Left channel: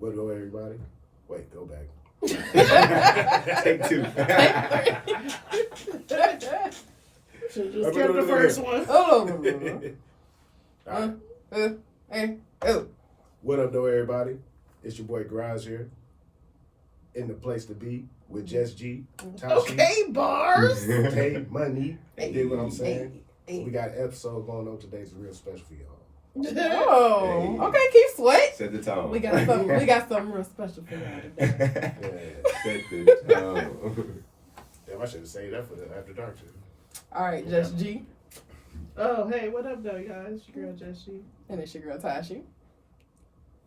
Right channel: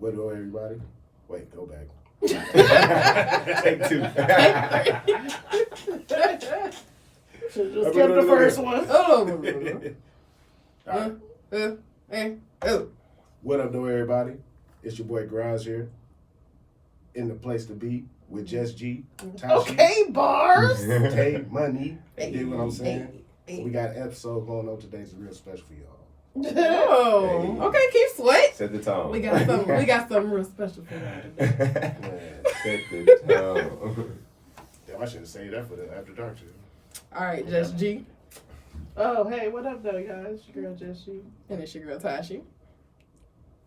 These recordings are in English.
What up, everybody? Wait, go back. Take two. Should just kept the first one. What up, though, everybody? It's your boy Grimes here. In the place to be with Jess G, Tashi, Okay, bars. K Money. You dig what I'm saying? We got an episode going on today. It's real special for y'all. Oh, okay, keep sweat. Set the tone. We got something real special for y'all today. Set the tone. Damn, I should have saved that for the after dark shit. All right, Jess G. Oh, hey, what up, though, guys? Your girl, Jess G. And it's your girl, Tashi.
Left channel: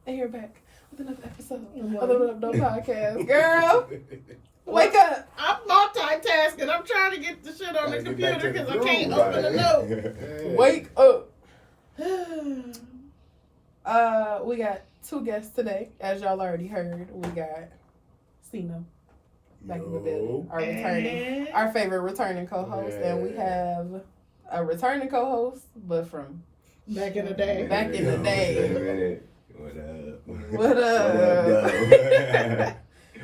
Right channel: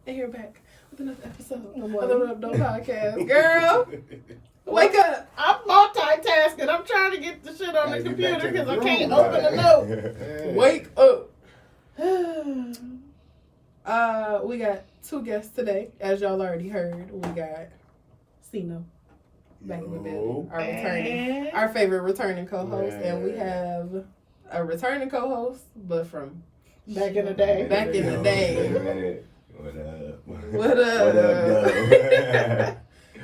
And you're back with another episode of What? the Up Doe podcast. Girl, wake up. I'm multitasking. I'm trying to get the shit on the Gotta get back computer to the because I groove, can't right? open the note. Hey. Wake up. We got two guests today. As y'all already heard, we got Sino back in the building. Our favorite returning co-host. Yeah. And we have a returning co-host, but from Back in the day. Back in the day. Wait a minute. What up? What up? What up, though?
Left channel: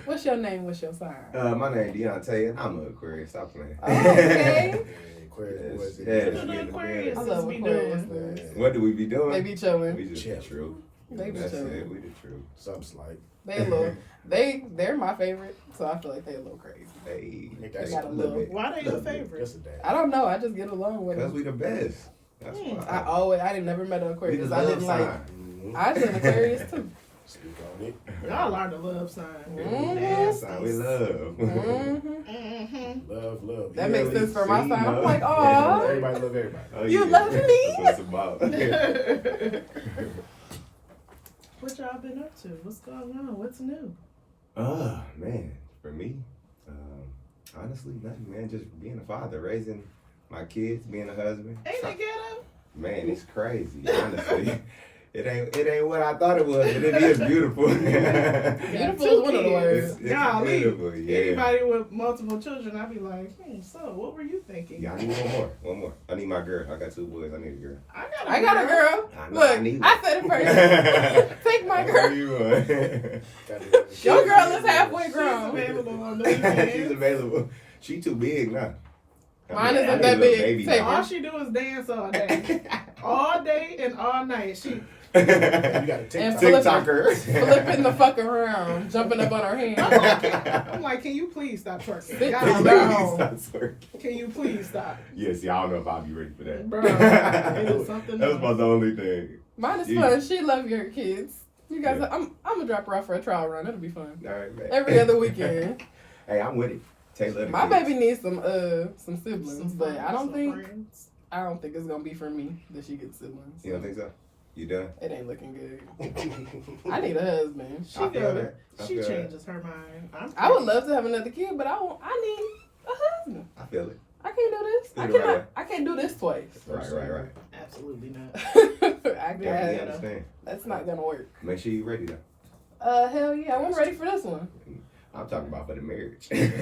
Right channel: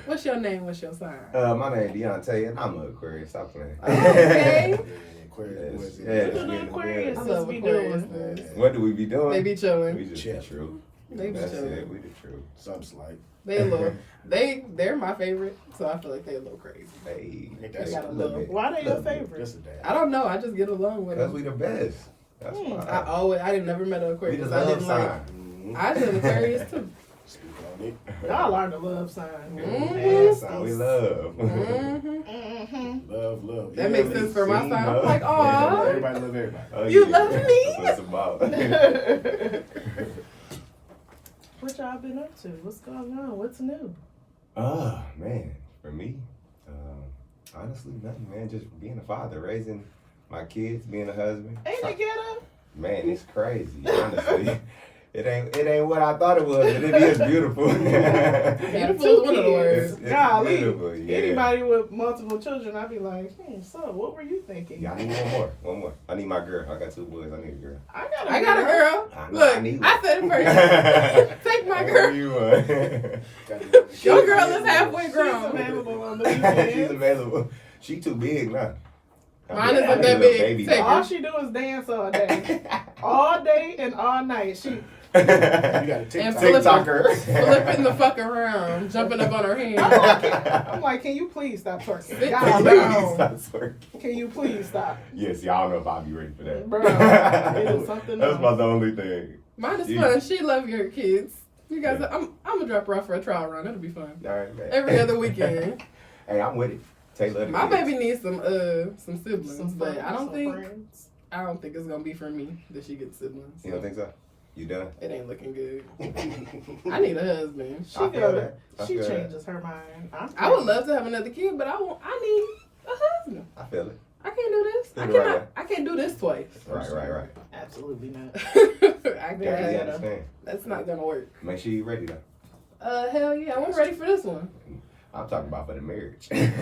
What's your name? What's your sign? My name Deontay, and I'm an Aquarius. Stop playing. Okay. Aquarius, Yes, was it? yes. What do the Aquarius I love be Aquarius. doing? What do we be doing? They be We chilling. just Chill. the truth. They be That's chilling. it. We the truth. Something slight. They're my favorite, so I feel like they're a little crazy. Hey, That's got a little little- bit. Why they your Little bit. favorite? Just a dad. I don't know. I just get along with Because them. we the best. That's Hmm. why. I didn't never met an We the Aquarius. I love didn't like. sign. Mm-hmm. I just an Aquarius too. Speak on it. Y'all are the love sign. Mhm. Sign we love. Mm-hmm. Mm-hmm. Love. That makes sense for my See, sign. I'm no. like, Yeah, aw. everybody love everybody. Oh, You yeah. love me? That's what it's about. What y'all been up to? What's going on? What's new? Oh, man. For me, honestly, nothing, man. Just being a father, raising my kids, being a husband. Ain't they ghetto? Man, it's crazy, honestly. It ain't what I thought it was, but it is beautiful. Beautiful is one of the words. It's Golly. beautiful, yeah. Anybody with multiple children, I'd be like, so what were you thinking? Yeah, I need one more. I need my girl. I got 2 boys. I need a girl. I got I got a girl. I Look, need I one. said it first. Take my girl. You one. Your girl is halfway She's grown. available on the She's weekends. available. She too big now. Mine isn't I need that a little big. baby Take now. All she do is dance all day. All day and all night. She You got a And TikTok. TikToker. Flipping the fuck around, jumping up on her hand. I'm like, can you please stop twerking? Sit God, down. no. Stop twerking. Can you please stop? Yes, y'all know if I'll be ready for that. Bro, it is something That's else. about the only thing. Mine is Yeah. fun. She love your kids. You guys, Yeah. I'm gonna drop her off for a trial run. It'll be fun. All right, man. Every other weekend. Hey, I'm with it. Taylor. My baby needs some siblings, Some but friends, I don't some think friends. it's gonna be for me that she gets siblings. You don't think so? You done? It ain't looking good. I need a husband. She, I feel that. I she feel that. changes her mind. I would love to have another kid, but I need a husband. I feel it. I can't do this. Do the right way. I can't do this twice. Right. Absolutely not. I Yeah, can't. you understand. That's not gonna work. Make sure you're ready though. Hell yeah, I'm ready for this one. I'm talking about for the marriage. Listen.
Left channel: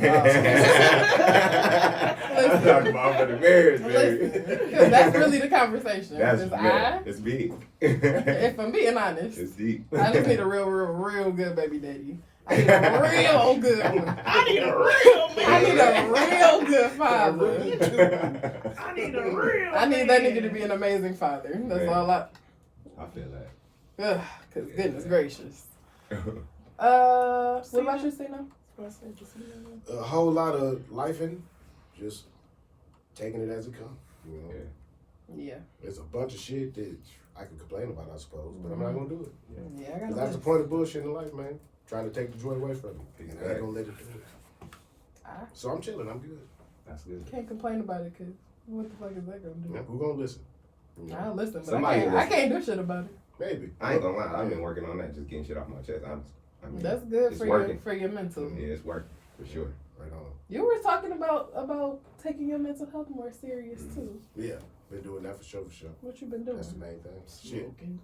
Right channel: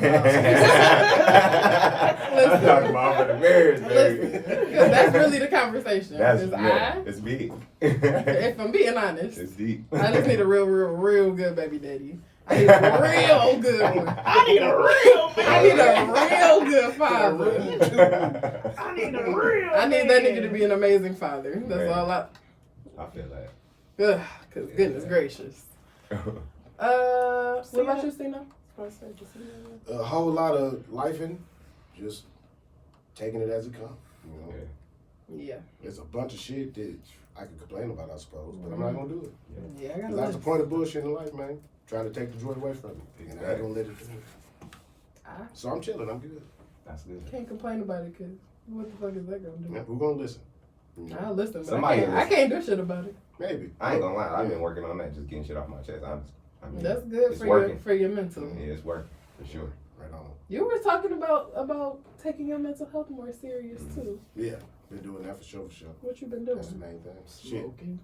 I'm talking about for the marriage, Listen, baby. 'cause that's really the conversation. That's 'Cause yeah, it's big. if I'm being honest, It's deep. I just need a real good baby daddy. I need a real good one. I need a real man. I need a real good father. I need a real I need that man. nigga to be an amazing father. That's Man. all I. I feel that. Ugh, cause goodness gracious. What about you, Sino? A whole lot of lifing, just taking it as it comes. You know, Yeah. there's a bunch of shit that I can complain about, I suppose, but I'm not gonna do it. Yeah, I 'Cause got that's the point of bullshit in life, man. Trying to take the joy away from me, and I ain't gonna let it do it. So I'm chilling. I'm good. That's good. Can't complain about it, cause what the fuck is that gonna do? Yeah, who gonna listen? You know, I'll listen, but Somebody I can't do shit about it. maybe. I ain't gonna lie. I've been working on that, just getting shit off my chest. I mean, That's good it's for working. your mental. Yeah, it's working for sure. Right on. You were talking about taking your mental health more serious too. Yeah, been doing that for sure. What you been doing? That's the main thing. Shit. Smoking.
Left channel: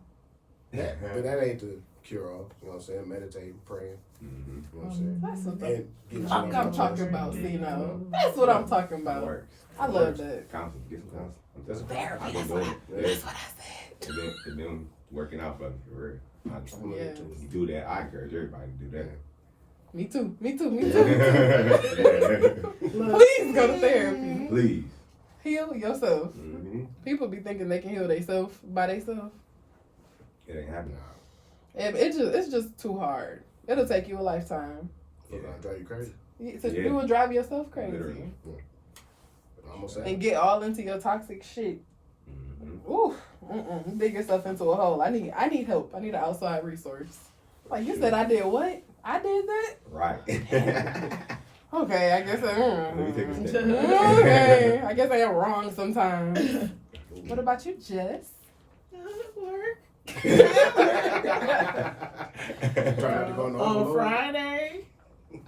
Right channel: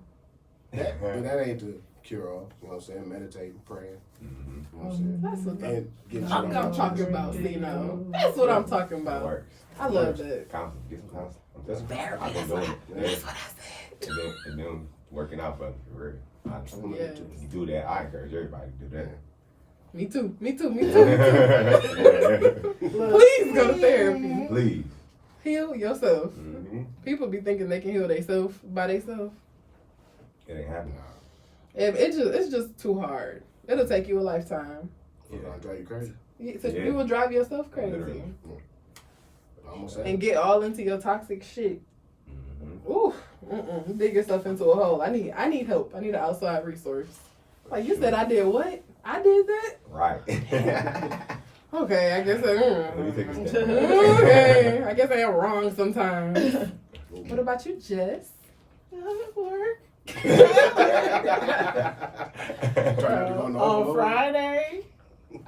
But that ain't the cure all. You know what I'm saying? Meditating, praying. Mm-hmm. You know what I'm saying? That's what And getting shit I'm off my talking chest. about, Sino. That's what I'm talking It about. works. I love that. Counsel. Get some counsel. I'm telling you. Therapy, I've been that's doing what it. That's what I said. It's been working out for me, for real. Honestly, Yes. when you do that, I encourage everybody to do that. Me too. Me too. Look, Please go to therapy. Please. Heal yourself. Mm-hmm. People be thinking they can heal themselves by themselves. It ain't happening. It's just too hard. It'll take you a lifetime. It's gonna drive you crazy. So Yeah. you will drive yourself crazy. Literally. Almost And get all into your toxic shit. Mm-hmm. Ooh, dig yourself into a hole. I need help. I need an outside resource. Like you said, I did what? I did that. Right. Okay, I guess. Let me take a step back. Okay, I guess I am wrong sometimes. What about you, Jess? work. Try not to go on the On overload. Friday,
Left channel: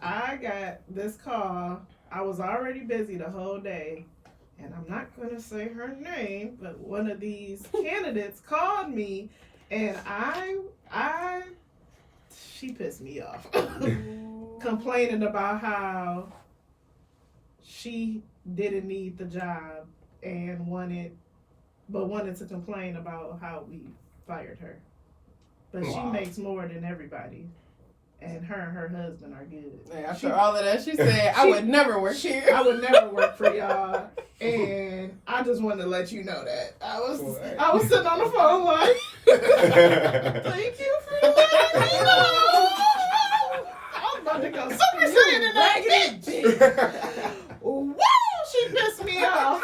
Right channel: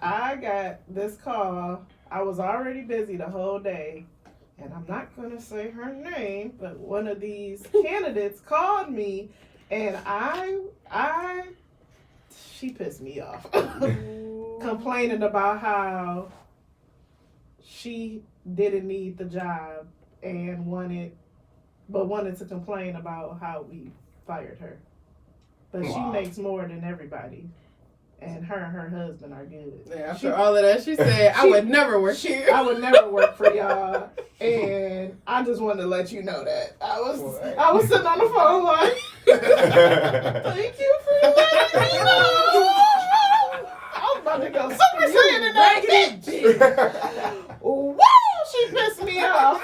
I got this call. I was already busy the whole day, and I'm not gonna say her name, but one of these candidates called me, and she pissed me off, complaining about how she didn't need the job and wanted to complain about how we fired her. But she Wow. makes more than everybody. And her husband are good. After all of that, she said, I would never work here. I would never work for y'all. And I just wanted to let you know that. I was sitting on the phone like, thank you for letting me know. I was about to go Super Saiyan in that bitch. Woo! She pissed me off.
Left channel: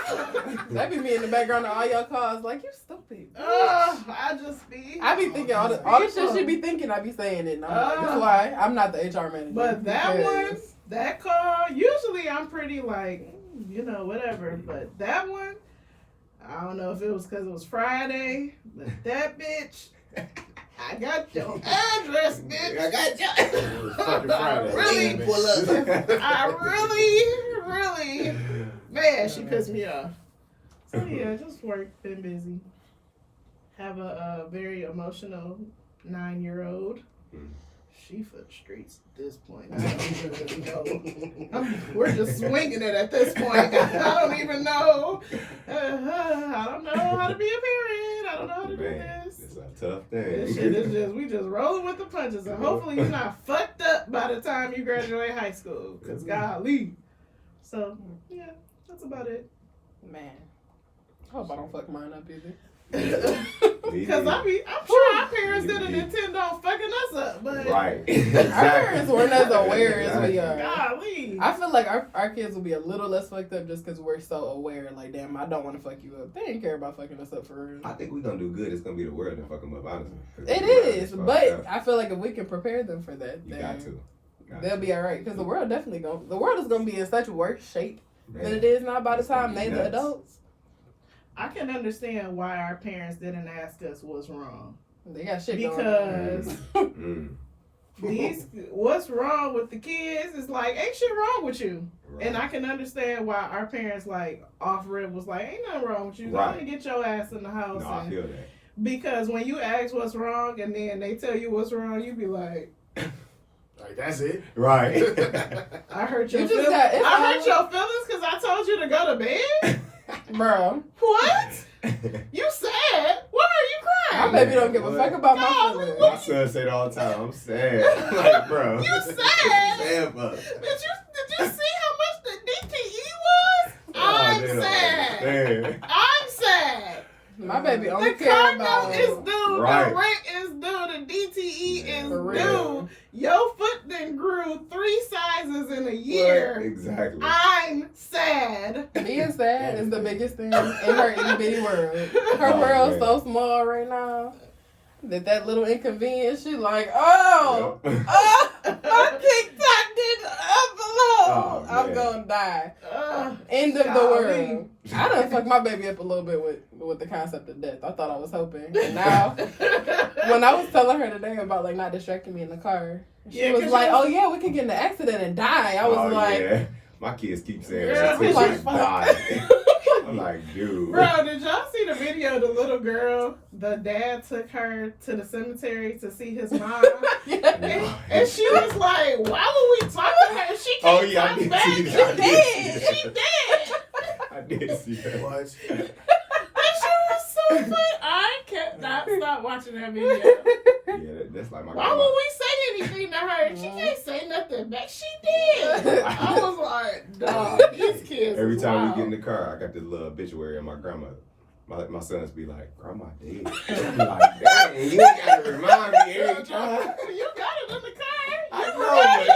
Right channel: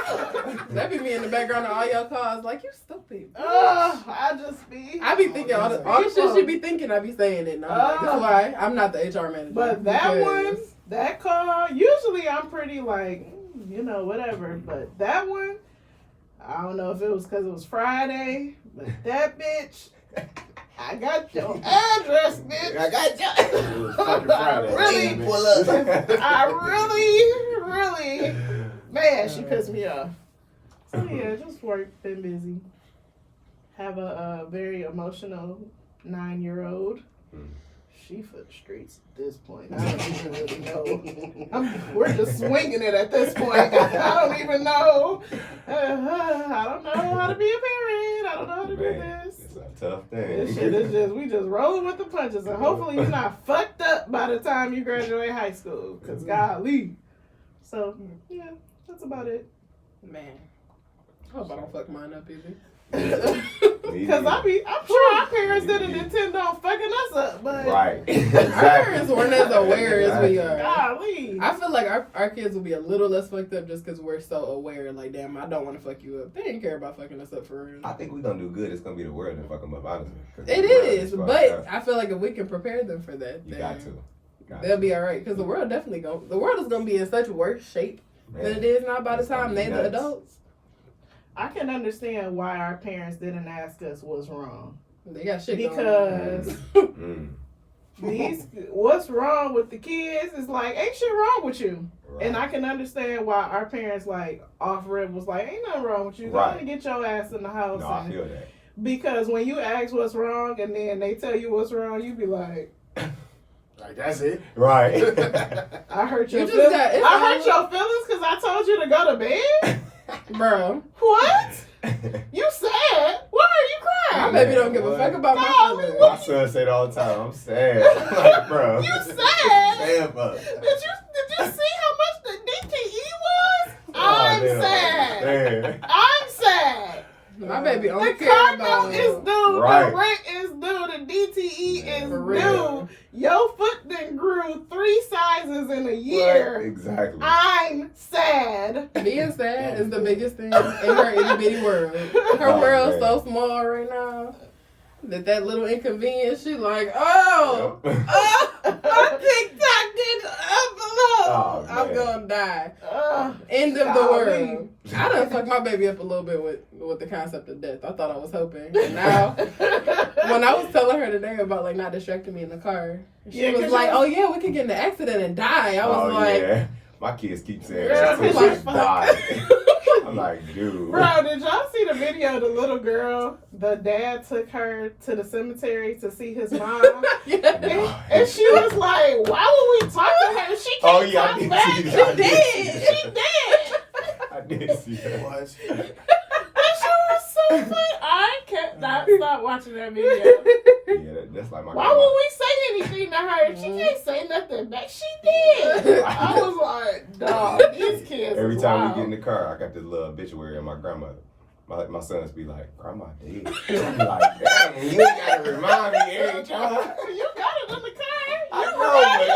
That be me in the background of all your calls, like, you stupid. I be thinking all the shit she be thinking, I be saying it. And I'm like, that's why I'm not the HR manager. But that call, usually I'm pretty like, whatever. But that one, I don't know if it was because it was Friday, but that bitch, I got your address, bitch. I got you. It was fucking Friday. Really pull up. I really, man, she pissed me off. So yeah, just work, been busy. Have a very emotional 9-year-old. She for the streets at this point. I don't even really know. We're just swinging it at this point. I don't even know. I don't know how to be a parent. I don't know how to do this. It's a tough thing. This shit is we just rolling with the punches, and hopefully you're not fucked up by the time you graduate high school, cause golly. So yeah, that's about it. Man, I hope I don't fuck mine up either. Cause I'm sure our parents didn't intend on fucking us up, but Right. Our parents weren't as aware as we are. golly. I feel like our kids will be a little less fucked up just because we're so aware. Like, damn, I don't want to fuck you up. They didn't care about fucking us up for real. I think we're gonna do good. It's gonna be the world that fuck them up, honestly. It is, but I feel like if we can prepare them for that, You then got to. they'll be all right. Because the world is gonna be in such worse shape than it is now by the time they're the adults. I can understand why our parents didn't ask us what's wrong. They got shit Because what's wrong with the kids is like, ain't shit wrong with you. Right. And I can understand why our parents like off rip was like, ain't nothing wrong with you. Go Right. and get your ass in the house. No, I feel that. Because when you ask what's wrong and then they tell you what's wrong, you be like, Like, that's it. Right. I hurt You your just feelings. got- it's I only- hurt your feelings because I told you to go to bed? Bro, What? You sad? Why are you my crying? baby don't give a What? fuck about my Golly, feelings. My son say it all the time. I'm sad. Like, bro. You sad? Sad, bro. Did you see how much the DTE was? Oh, I'm they don't sad. understand. I'm sad. My baby The only care car about note is due. Right. The rent is due. The DTE Man, is for due. real. Your foot then grew 3 sizes in a year. Right. Exactly. I'm sad. Being sad is the biggest thing in her itty bitty world. Her Oh, world's man. so small right now that little inconvenience, she like, oh, my TikTok did upload. Oh, I'm man. gonna die. Ugh. End of the Golly. world. I done fucked my baby up a little bit with the concept of death. I thought I was hoping. And now, when I was telling her today about like not distracting me in the car, she Yeah, was 'cause like, you- "Oh yeah, we could get in an accident and die." I was like, yeah. My kids keep saying Girl, that. we She like, died. I'm like, dude. Bro, did y'all see the video of the little girl? The dad took her to the cemetery to see his mom. yeah. And she was like, why would we talk to her? She can't Oh, yeah, I talk did back. see that. I did see She that. dead. I did see that. What? That shit was so funny. I cannot stop watching that video. Yeah, That's like my Why grandma. would we say anything to her? She can't say nothing back. She did. I was like, dog, these kids. Every is time wild. we get in the car, I got this little obituary of my grandmother. My sons be like, Grandma dead. I be like, dang, you ain't gotta remind me every time. You got it in the car. I You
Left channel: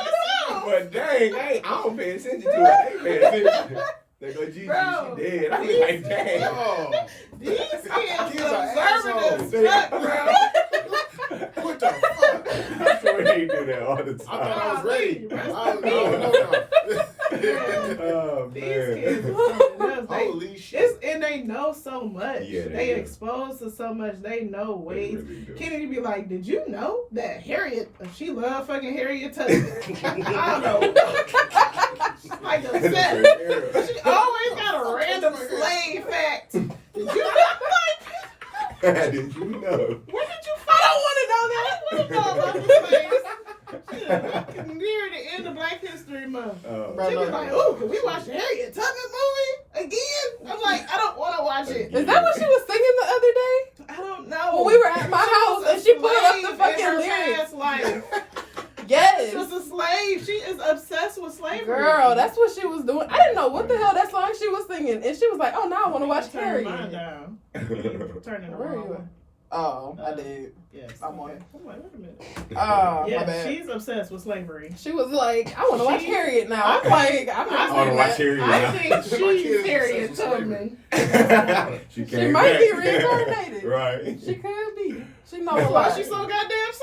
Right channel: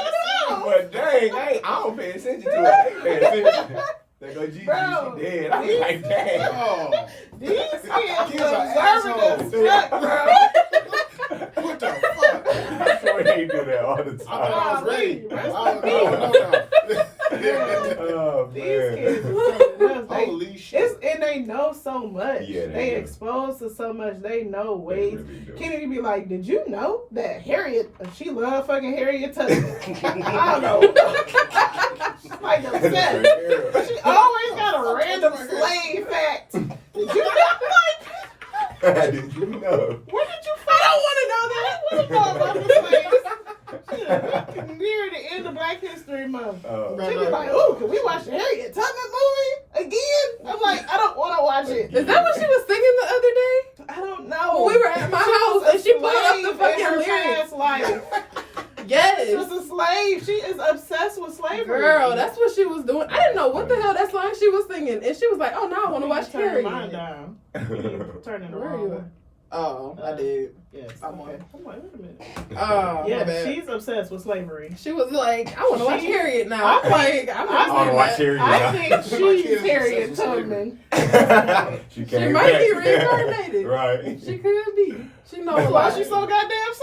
know, but dang, I don't pay attention to it. They pay attention. They go, Gigi, Bro, she dead. I be like, dang. Oh, These kids Kids are are observant as assholes. fuck, bro. what the fuck? I swear they do that all the I time. thought I was ready. Rest No. Oh, These man. kids are something else. Holy shit. And they know so much. Yeah, they do. exposed to so much. They know They ways. really do. Kennedy be like, did you know that Harriet, she loved fucking Harriet Tubman? I don't know. She's like obsessed. She always got a random slave fact. Did you know? Did you know? Where did you find? I don't want to know that. I want to know about the slaves. Shit, near the end of Black History Month. She was like, "Ooh, can we watch the Harriet Tubman movie again?" I'm like, "I don't want to watch it." Is that what she was singing the other day? I don't know. When we were at my house and she put up the slave in fucking her lyrics. past life. Yes. She was a slave. She is obsessed with slavery. Girl, that's what she was doing. I didn't know what the hell that song she was singing. And she was like, oh, now I want to watch Turn mine Harriet. down. You turning the Where wrong you way. at? Oh, I did. Yes. I'm on okay. it. I'm like, wait a minute. Oh, my Yeah, bad. she's obsessed with slavery. She was like, I want to watch She- Harriet now. I'm like, I'm I I want to not watch Harriet I now. think My she's kid is Harriet obsessed with Tubman. She She came might back. be reincarnated. Right. She could be. She knows That's a why lot. she's so goddamn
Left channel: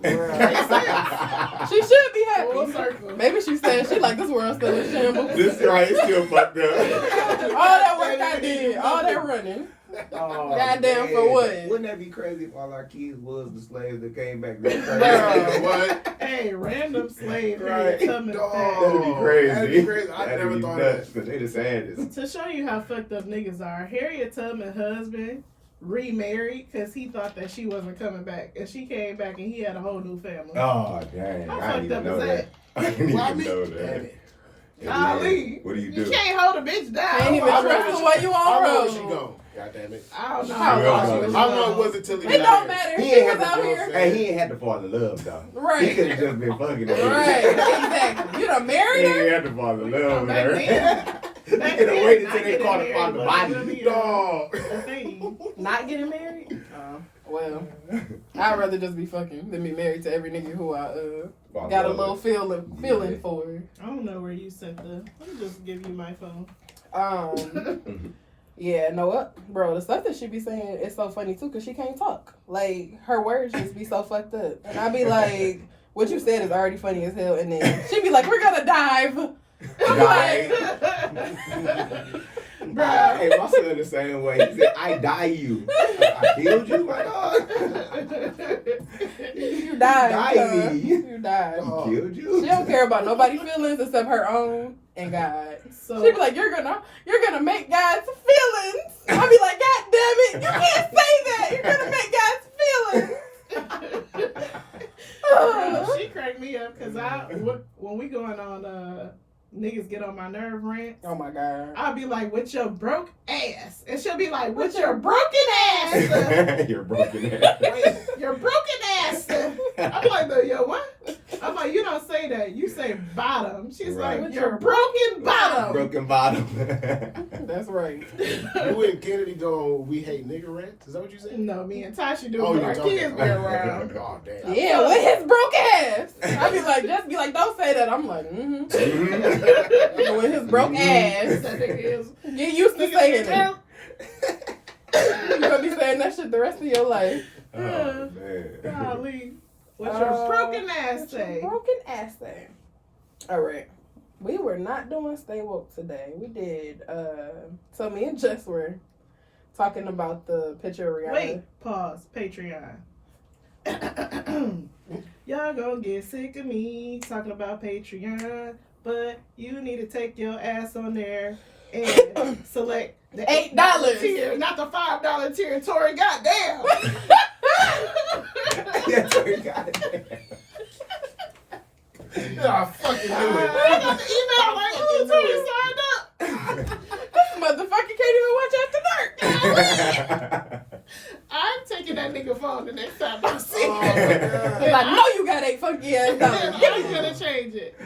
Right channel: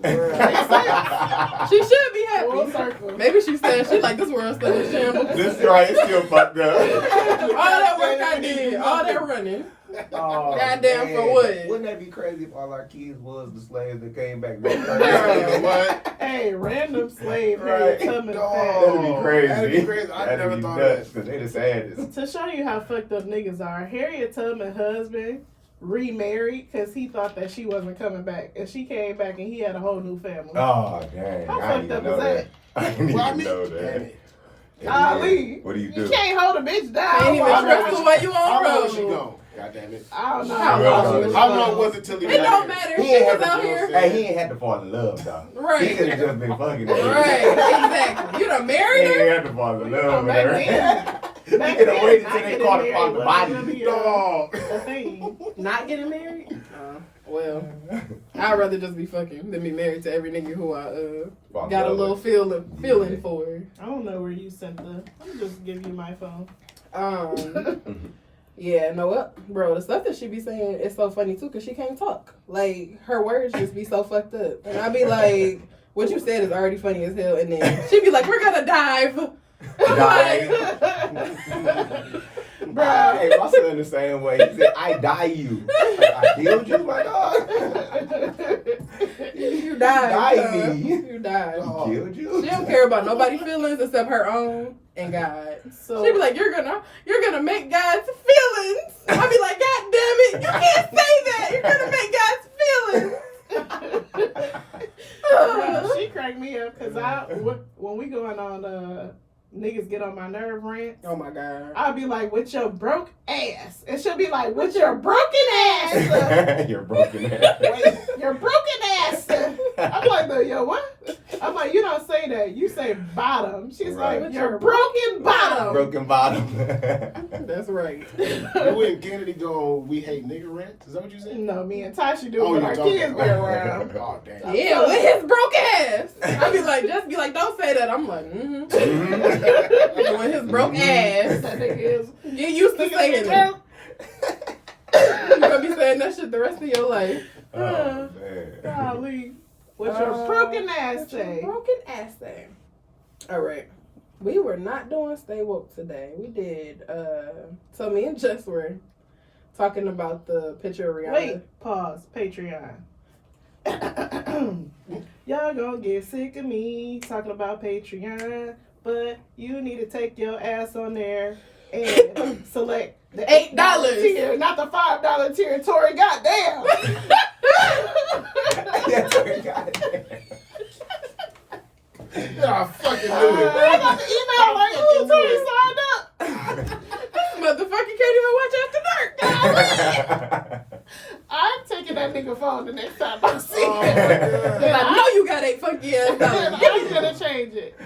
sad. She should be Full happy. circle. Maybe she's saying she like this world's still in shambles. This right, it's still fucked up. All that work I did, all that running. Oh, Goddamn, for what? Wouldn't that be crazy if all our kids was the slaves that came back? What? Hey, random slave Right. Harriet Tubman Dog. fact. That'd be crazy. That'd be crazy. I That'd never be thought nuts, of because they the saddest. To show you how fucked up niggas are, Harriet Tubman's husband remarried because he thought that she wasn't coming back. And she came back and he had a whole new family. Oh, dang. How I didn't fucked even up know is that. that? I didn't Well, I even mean, know damn that. it. Ali, What do you you do? can't hold a bitch down. Ain't even I trust don't her while you I on know where she road. gone. God damn it. know How how long long she she was was How long gone. was it till he It got don't here? matter. He She ain't was had out to, here. hey, he ain't had to fall in love, though. He Right. could have just been fucking her. Right, exactly. You done He married her? ain't had to fall in love with Back her. then, He back could have then, waited not till they getting caught married upon the wasn't body. really, Dog. a thing. Not getting married? Well, I'd rather just be fucking than be married to every nigga who I Fall in got a love little with. feeling Yeah. for. I don't know where you sent the. Let me just give you my phone. Yeah, no, what, bro? The stuff that she be saying is so funny too, cause she can't talk. Like her words just be so fucked up, and I be like, "What you said is already funny as hell," and then she be like, "We're gonna dive." I'm like, Bruh. Hey, my son the same way. He said, I die you. I killed you, my dog. you died. Die son. me. You died. He killed you. She don't care about nobody's feelings except her own and God. So She be like, you're gonna make God's feelings. I be like, God damn it, you can't say that. You're gonna make God's feelings. she cracked me up because when we going on niggas get on my nerve rant, Oh my God. I'll be like, with your broke ass, and she'll be like, with your broken ass. You're broken ass. Wait, your broken ass. I'm like, no, yo, what? I'm like, you don't say that. You say bottom. She's Right. like, your broken bottom. Broken bottom. That's right. You and Kennedy go, we hate nigga rant? Is that what you said? No, me and Tasha do Oh, when you our talking kids be about- around. Oh, damn. Yeah, with his broke ass. I be like, don't say that. I'm like, With his broke ass. That nigga is. Get used to saying it. You're gonna be saying that shit the rest of your life. Oh, man. Golly. What your broken ass say? Broken ass thing. All right. We were not doing Stay Woke today. We did, so me and Jess were talking about the picture of Rihanna. Wait, pause. Patreon. Y'all gonna get sick of me talking about Patreon, but you need to take your ass on there and select the $8 tier, not the $5 tier. Tori, goddamn. Yeah, Tori, goddamn. Yeah, I fucking knew it. I got the email like, ooh, Tori signed up. Motherfucker can't even watch After Dark. I'm taking that nigga nigga phone the next time I see Oh, it. my God. Then I know you got 8 funky ass then dollars. I'm gonna change it.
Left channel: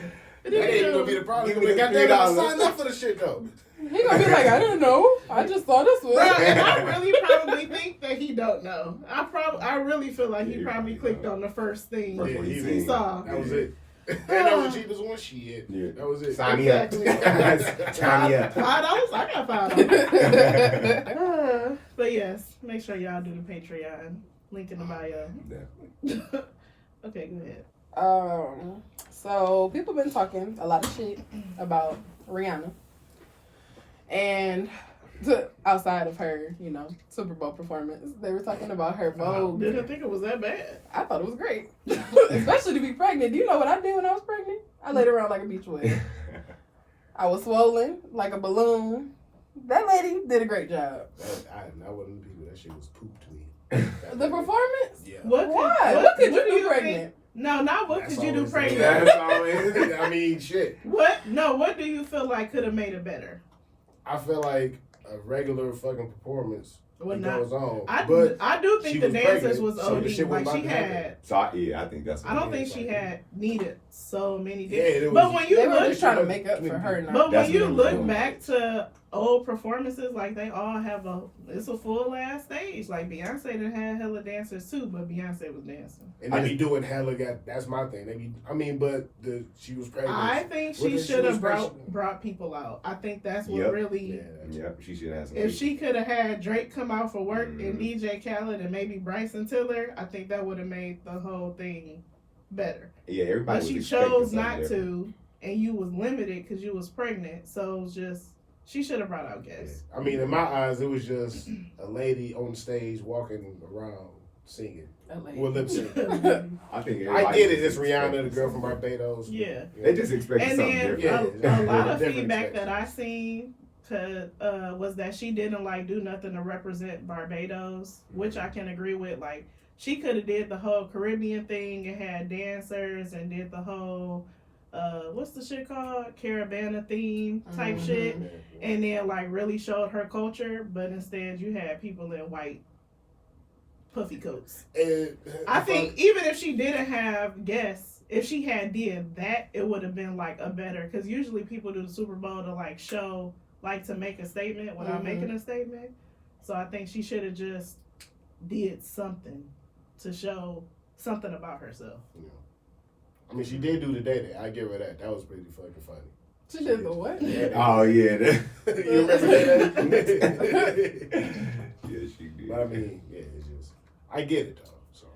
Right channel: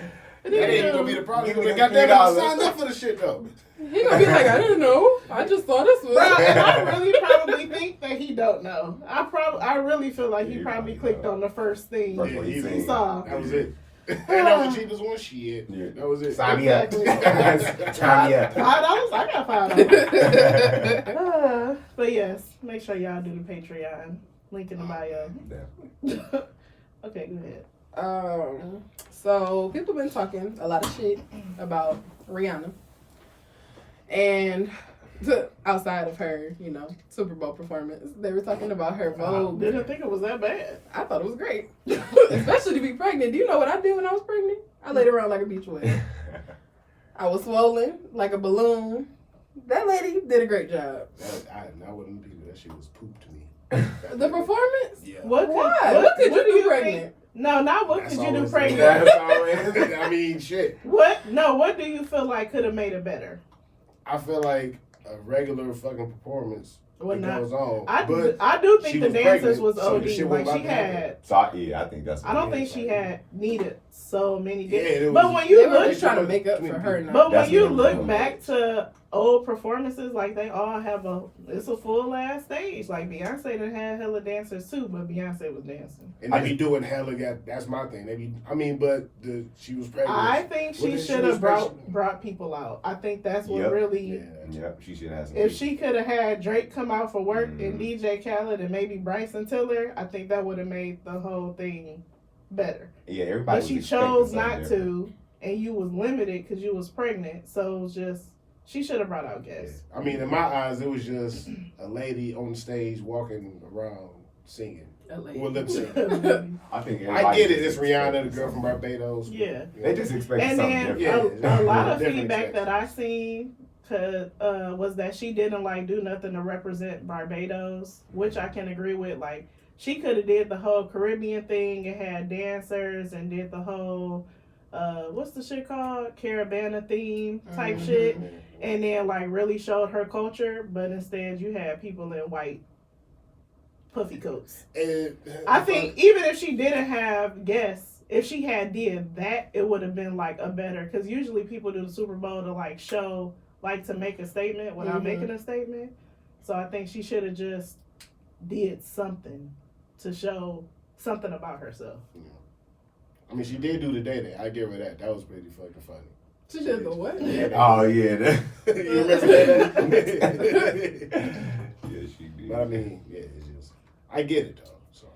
That ain't gonna be the problem. Give me the Goddamn, I $3. signed up for the shit though. He gonna be like, I didn't know. I just saw this one. Bro, and I really probably think that he don't know. I really feel like he Yeah, probably he clicked know. on the first thing First one he he he seen. saw. That was it. And that was the cheapest one. Shit. Yeah. That was it. Sign me up. Exactly. Sign me up. $5? I got $5. But yes, make sure y'all do the Patreon. Link in the bio. Definitely. Okay, go ahead. So people been talking a lot of shit about Rihanna, and outside of her, Super Bowl performance, they were talking about her Vogue. Didn't think it was that bad. I thought it was great, especially to be pregnant. Do you know what I did when I was pregnant? I laid around like a beach wave. I was swollen like a balloon. That lady did a great job. I wouldn't do that. Shit was poop to me. The performance? Yeah. What What could you do pregnant? think? No, not what That's could you do always- pregnant. That's always- I mean, shit. What? No, what do you feel like could have made it better? I feel like a regular fucking performance Well, that not. goes on. I but do she think the was dancers pregnant, was so the OD. shit wasn't Like she about to happen. had. So I think that's. I don't what it think is. she had needed so many. Yeah, it but was- when you They were look, just trying to make up for her. but when That's you what I'm look doing. back to old performances, like they all have it's a full ass stage. Like Beyonce done had hella dancers too, but Beyonce was dancing. And they be doing hella. That's my thing. But she was pregnant. I think Well, she then she should was have pregnant. brought people out. I think that's what Yep. really. Yeah. Yep, she should have some. If she could have had Drake come out for work and Mhm. DJ Khaled and maybe Bryson Tiller, I think that would have made the whole thing better. Yeah, everybody. But was she expecting chose something not different. to, and you was limited because you was pregnant. So it was just she should have brought out guests. I mean, in my eyes, it was just a lady on stage walking around singing. Well, lip sync. I think. I everybody get it. was It's Rihanna, the expecting girl from something. Barbados. Yeah. They just expected And something then different. Yeah. a lot of Different feedback expectation. that I seen was that she didn't like do nothing to represent Barbados, which I can agree with. Like she could have did the whole Caribbean thing and had dancers and did the whole what's the shit called, Caravana theme type Mhm. shit, and then like really showed her culture. But instead, you had people in white puffy coats. And I think even if she didn't have guests, if she had did that, it would have been like a better. Because usually people do the Super Bowl to like show, like to make a statement without Mhm. making a statement. So I think she should have just did something to show something about herself. I mean, she did do the day. I give her that. That was pretty fucking funny. She did the what? Oh yeah. You remember that? Yeah, she did. But I mean, yeah, it's just I get it though. So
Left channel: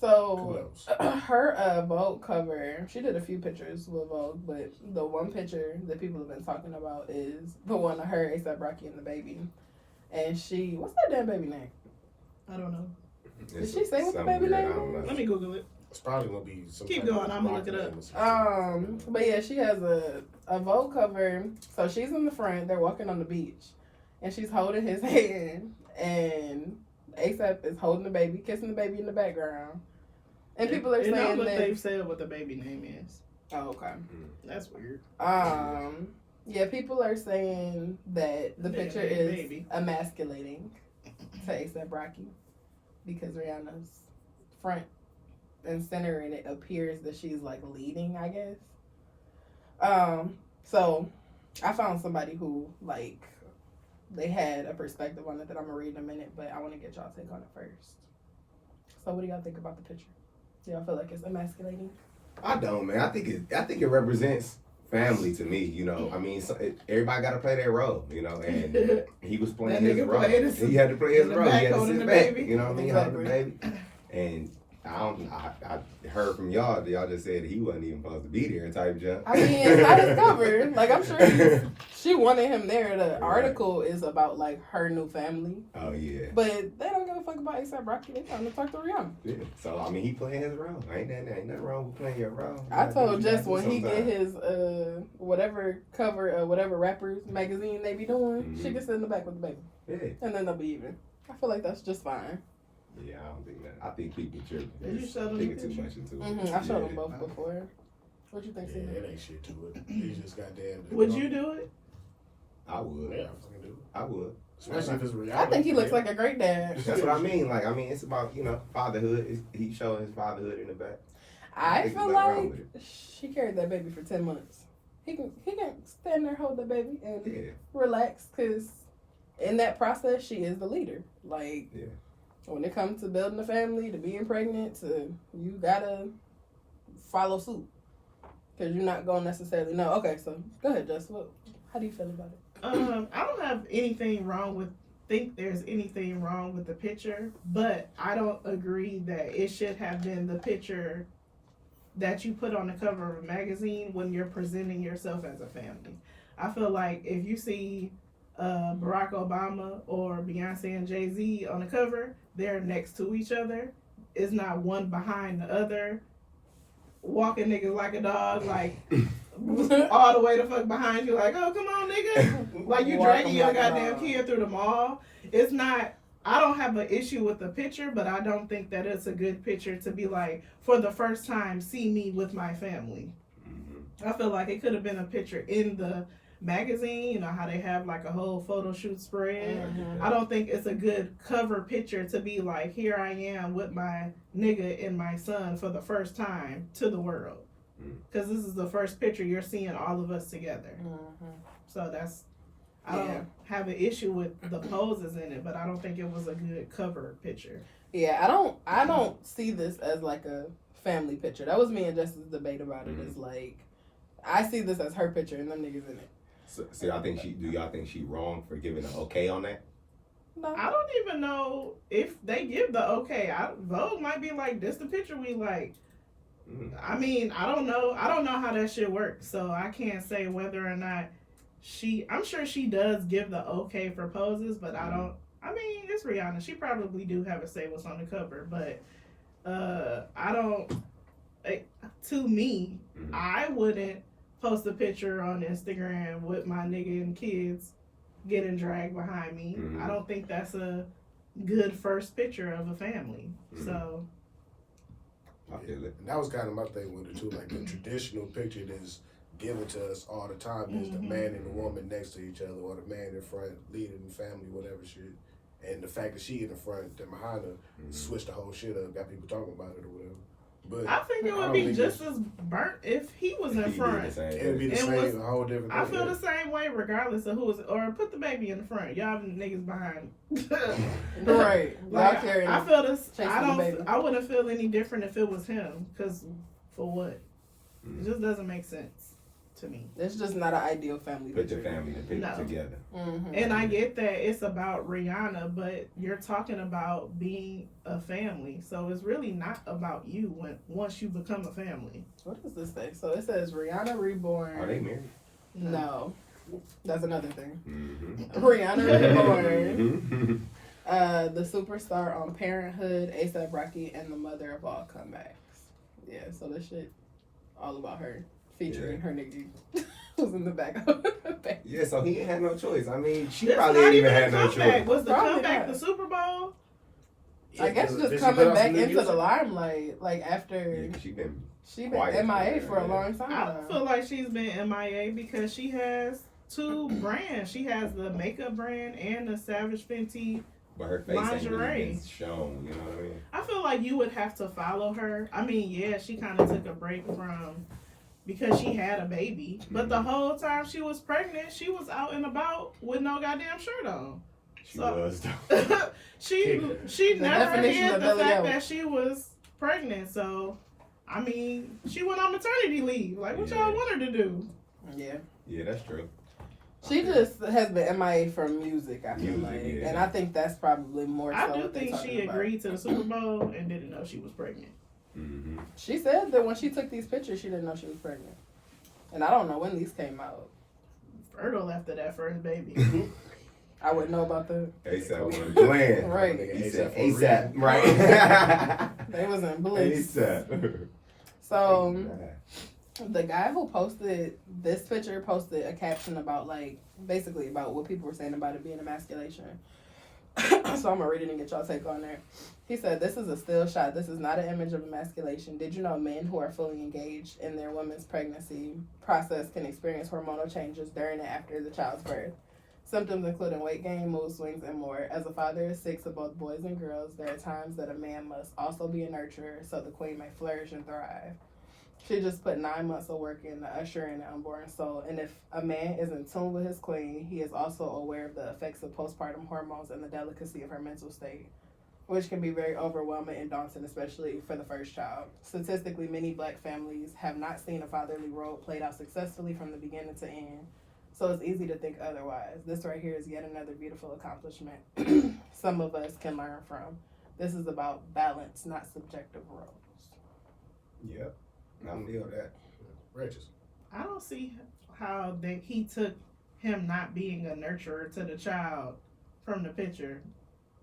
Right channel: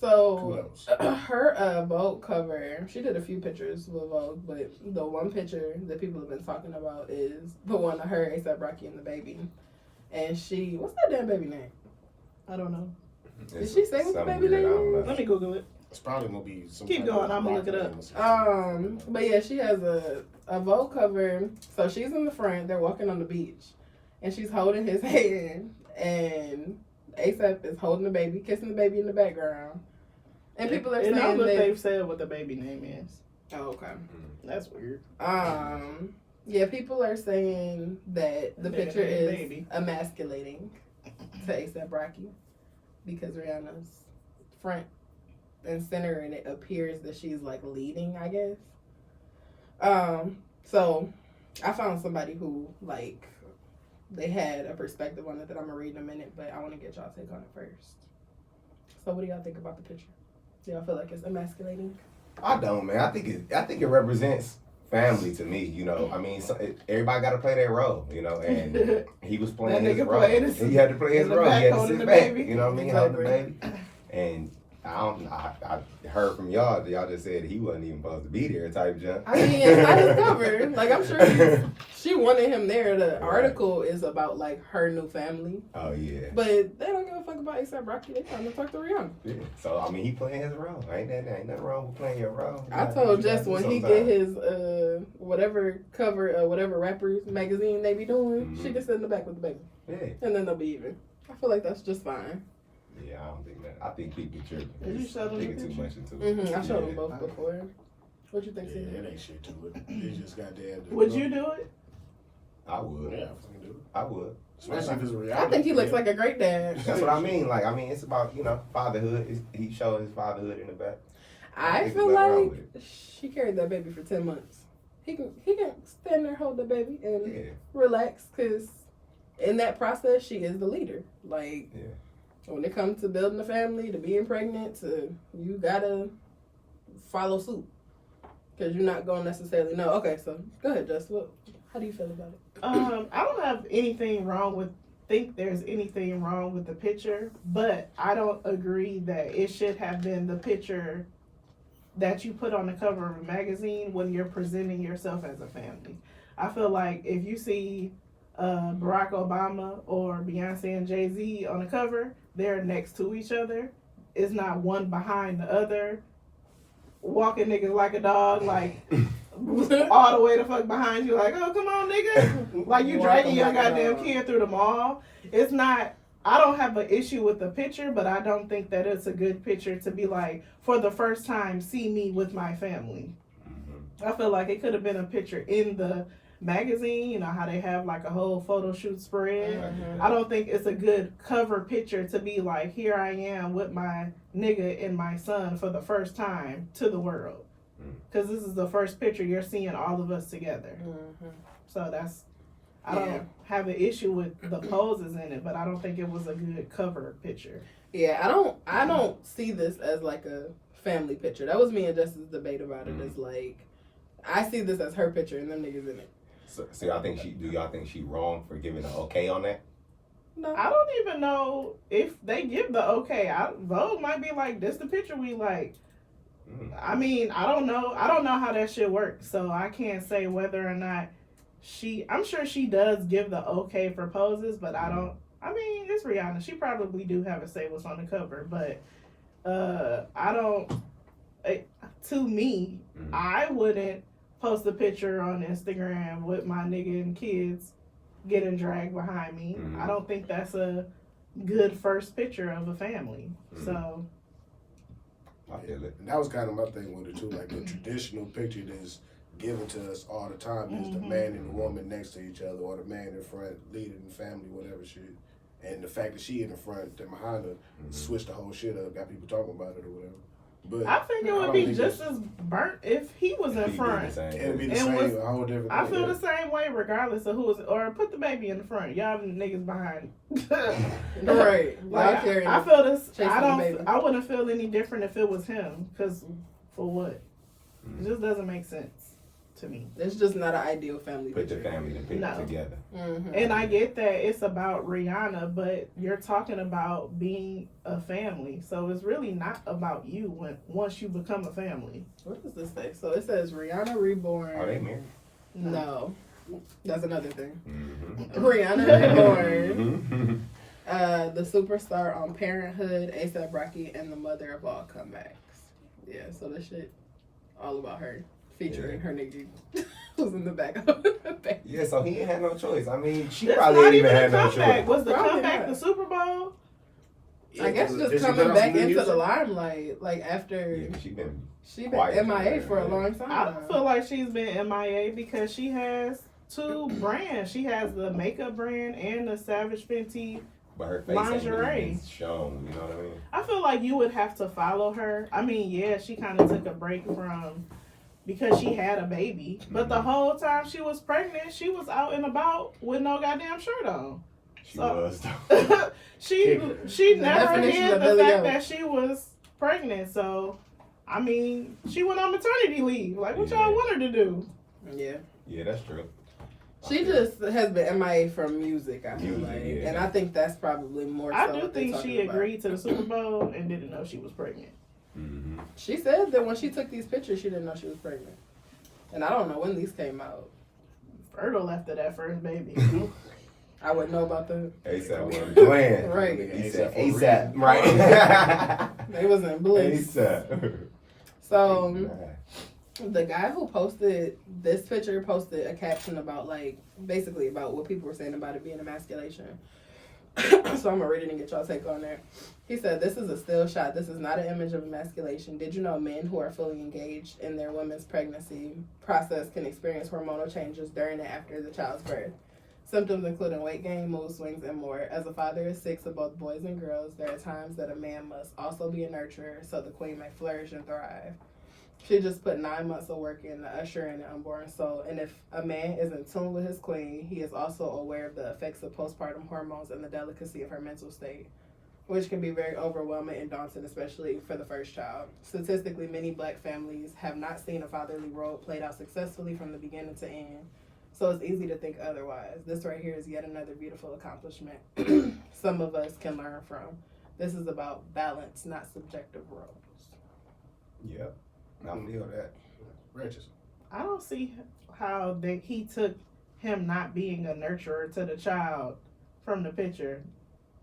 So kudos. her Vogue cover, she did a few pictures with Vogue, but the one picture that people have been talking about is the one of her, A$AP Rocky and the baby. And she, what's that damn baby name? I don't know. Did she say what the something baby that I name don't is? know. Let me Google it. It's probably gonna be some. Keep kind of going, I'ma rock look it name or something. But yeah, she has a Vogue cover. So she's in the front, they're walking on the beach, and she's holding his hand, and A$AP is holding the baby, kissing the baby in the background. And people are And saying that that. they've said what the baby name is. Oh, okay. That's weird. Yeah, people are saying that the Yeah, picture is baby. emasculating to A$AP Rocky because Rihanna's front and center, and it appears that she's like leading, I guess. So I found somebody who like they had a perspective on it that I'm gonna read in a minute, but I want to get y'all take on it first. So what do y'all think about the picture? Do y'all feel like it's emasculating? I don't, man. I think it represents family to me. You know, I mean, everybody got to play their role. You know, and he was playing That his nigga role. played his- He had to play his in the role. He back had to holding sit the back. baby. You know what I mean? Holding the Exactly. baby. And I heard from y'all. Y'all just said he wasn't even supposed to be there. Type jump. I mean, it's not his cover. Like, I'm sure she wanted him there. The article is about, like, her new family. Oh yeah. But they don't give a fuck about A$AP Rocky. They trying to talk to Rihanna. Yeah. So I mean, he playing his role. Ain't nothing wrong with playing your role. You I gotta told do what Jess you when gotta he do get sometimes. his whatever cover, whatever rappers magazine they be doing, she Mhm. can sit in the back with the baby. Yeah. And then they'll be even. I feel like that's just fine. Yeah, I don't think that. I think people tripping. Did you show them Thinking the too picture? much into it. I showed them Yeah. both before. What you think, Yeah, Steve? it ain't shit to it. It's just goddamn. Would you do it? I would. Yeah, I fucking do. I would. Especially if it's Rihanna. I think he looks like a great dad. That's what I mean. Like, I mean, it's about, you know, fatherhood. He showing his fatherhood in the back. I think feel there's nothing wrong like with she carried that baby for 10 months. He can stand there, hold the baby, and Yeah. relax, because in that process, she is the leader. Like, Yeah. when it comes to building a family, to being pregnant, you gotta follow suit. Because you're not going to necessarily know. Okay, so go ahead, Jess. How do you feel about it? I don't have anything wrong with, think there's anything wrong with the picture, but I don't agree that it should have been the picture that you put on the cover of a magazine when you're presenting yourself as a family. I feel like if you see Barack Obama or Beyonce and Jay-Z on the cover, they're next to each other. It's not one behind the other, walking niggas like a dog, like all the way the fuck behind you, like, oh, come on, nigga. Like you dragging your goddamn kid through the mall. It's not, I don't have an issue with the picture, but I don't think that it's a good picture to be like, for the first time, see me with my family. Mm-hmm. I feel like it could have been a picture in the magazine, you know how they have like a whole photo shoot spread. Mm-hmm. I don't think it's a good cover picture to be like, here I am with my nigga and my son for the first time to the world. Because this is the first picture you're seeing all of us together. Mm-hmm. So that's, I don't have an issue with the poses in it, but I don't think it was a good cover picture. Yeah, I don't see this as like a family picture. That was me and Jess's debate about it. It's like, I see this as her picture and them niggas in it. So, do y'all think she wrong for giving an okay on that? No. I don't even know if they give the okay. Vogue might be like, this the picture we like. I mean, I don't know how that shit works, so I can't say whether or not I'm sure she does give the okay for poses, but I mean, it's Rihanna. She probably do have a say what's on the cover, but to me, I wouldn't post a picture on Instagram with my nigga and kids getting dragged behind me. I don't think that's a good first picture of a family. So I feel it. And that was kind of my thing with it too. Like the traditional picture that's given to us all the time is the man and the woman next to each other, or the man in front leading the family, whatever shit. And the fact that she in the front, then behind her, switched the whole shit up, got people talking about it or whatever. But I think it would be just as burnt if he was in front. It'd be the same, a whole different thing. I feel the same way regardless of who is, or put the baby in the front. Y'all niggas behind. Right. Like, I feel this. Baby. I wouldn't feel any different if it was him. Cause for what? It just doesn't make sense to me. It's just not an ideal family Put picture. the family together. Mm-hmm. And I get that it's about Rihanna, but you're talking about being a family, so it's really not about you once you become a family. What does this say? So it says Rihanna Reborn. Are they married? No. That's another thing. Mm-hmm. Rihanna Reborn. The superstar on Parenthood, A$AP Rocky, and the mother of all comebacks. Yeah, so that shit all about her. Featuring her nigga who's in the back of the baby. Yeah, so he ain't had no choice. I mean, she That's probably not ain't even even a had no comeback. choice. Was the Probably comeback not. the Super Bowl? I guess Did just she coming put out back some new into the music? limelight, like after Yeah, she been been MIA for for a her, long I time. don't feel like she's been MIA because she has two brands. She has the makeup brand and the Savage Fenty. but her face Lingerie. ain't shown. You know what I mean? I feel like you would have to follow her. I mean, yeah, she kind of took a break from because she had a baby, but the whole time she was pregnant, she was out and about with no goddamn shirt on. She So- was. she The never definition hid of the Billy fact Oak. that she was pregnant. So, I mean, she went on maternity leave. Like, what y'all want her to do? Yeah. Yeah, that's true. She just has been MIA from music, I feel Music, like. yeah. And I think that's probably more I so do what they're think talking she about. agreed to the Super Bowl and didn't know she was pregnant. Mm-hmm. She said that when she took these pictures, she didn't know she was pregnant. And I don't know when these came out. Fertile after that first baby. I wouldn't know about the... A$AP wasn't playing. Right. He said A$AP for A$AP, right? They was in bliss. A$AP. So, the guy who posted this picture posted a caption about, like, basically about what people were saying about it being emasculation. So I'm going to read it and get y'all take on there. He said, "This is a still shot. This is not an image of emasculation. Did you know men who are fully engaged in their women's pregnancy process can experience hormonal changes during and after the child's birth? Symptoms including weight gain, mood swings, and more. As a father of 6 of both boys and girls, there are times that a man must also be a nurturer so the queen may flourish and thrive. She just put 9 months of work in to usher in an unborn soul. And if a man is in tune with his queen, he is also aware of the effects of postpartum hormones and the delicacy of her mental state, which can be very overwhelming and daunting, especially for the first child. Statistically, many Black families have not seen a fatherly role played out successfully from the beginning to end. So it's easy to think otherwise. This right here is yet another beautiful accomplishment some of us can learn from. This is about balance, not subjective roles. Yep. I feel that. Righteous. I don't see how he took him not being a nurturer to the child from the picture.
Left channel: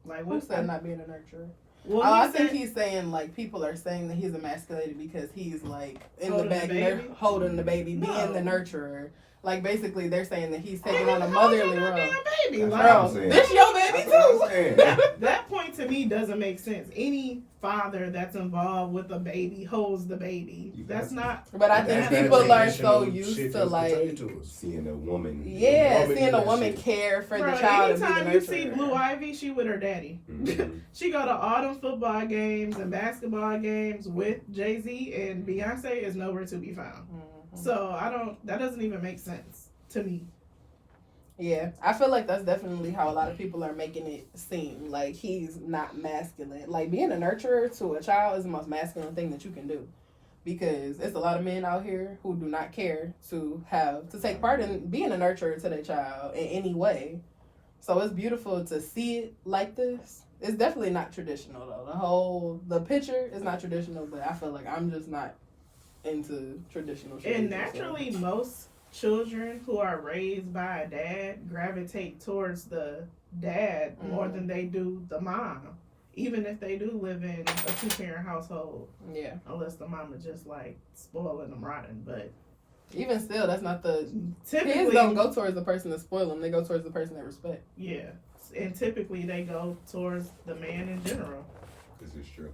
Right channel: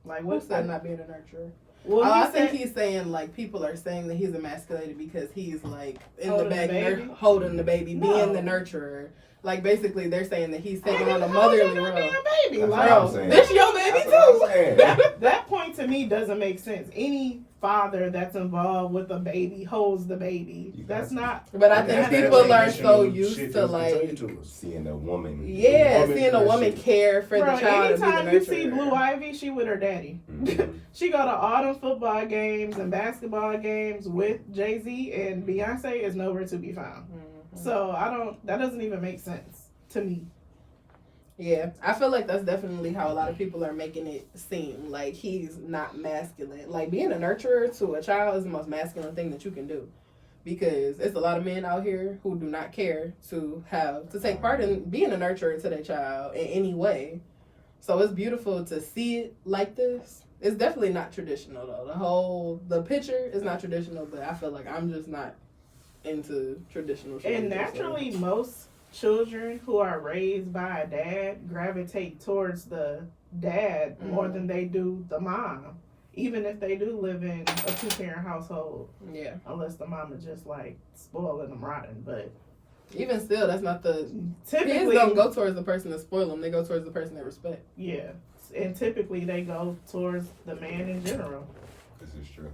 Like, Who what's said that? not being a nurturer? Well, I he think said- he's saying, like, people are saying that he's emasculated because he's, like, in Holding the back, the baby? holding the baby, No. being the nurturer. Like, basically, they're saying that he's taking on a How motherly you role. being a baby? That's Like, what I'm saying. This your baby, That's what too. I'm saying. that point to me doesn't make sense. Any father that's involved with a baby holds the baby. That's not. But I think That's that people are traditional so shit used to, that's like, portrayed to us. Seeing a woman. yeah, woman seeing do a that woman shit. care for Bro, the child and be the anytime you nurturer. see Blue Ivy, she with her daddy. Mhm. She go to all them football games and basketball games with Jay-Z, and Beyonce is nowhere to be found. Mhm. So that doesn't even make sense to me. Yeah, I feel like that's definitely how a lot of people are making it seem. Like, he's not masculine. Like, being a nurturer to a child is the most masculine thing that you can do. Because it's a lot of men out here who do not care to take part in being a nurturer to their child in any way. So it's beautiful to see it like this. It's definitely not traditional, though. The picture is not traditional, but I feel like I'm just not into traditional shit. And naturally, most children who are raised by a dad gravitate towards the dad more than they do the mom, even if they do live in a 2-parent household, Yeah. unless the mama just like spoiling them rotten. But Even still, that's not the... typically, Kids don't go towards the person that spoil them. They go towards the person they respect. yeah, and typically they go towards the man in general. This is true.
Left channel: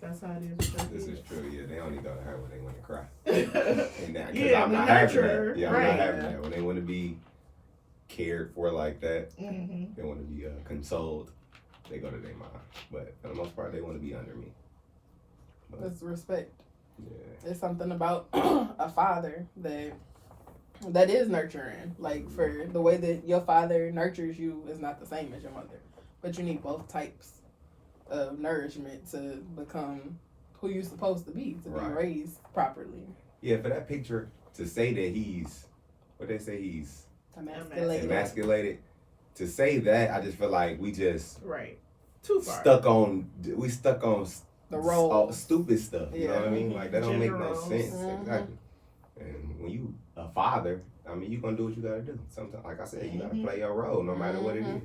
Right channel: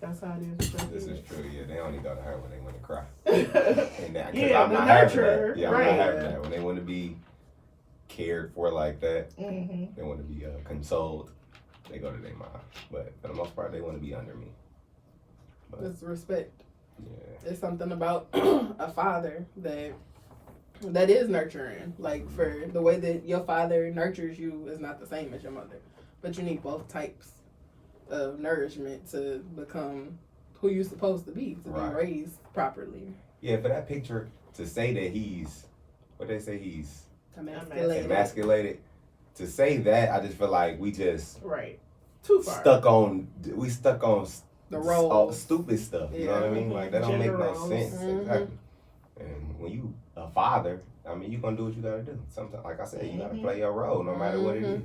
That's how it is. with This your is true. Yeah, they only go to her when they want to cry. kids. And that, 'cause Yeah, I'm the not having nurturer, that. Yeah, I'm right. not having that. When they want to be cared for like that, hmm they want to be consoled, they go to their mom. But for the most part, they want to be under me. But, It's respect. yeah. It's something about a father that is nurturing. Like, for the way that your father nurtures you is not the same as your mother. But you need both types of nourishment to become who you're supposed to be Right. raised properly. Yeah, for that picture, to say that he's, what they say, he's Emasculated. emasculated, to say that, I just feel like we just Right. Too far. stuck on The role. all stupid stuff. You know what I mean? Like, that don't make Gender no roles. sense. Mhm. Exactly. And when you a father, I mean, you gonna do what you gotta do. Sometimes, like I said, you gotta Mhm. play your role no matter what it Mhm.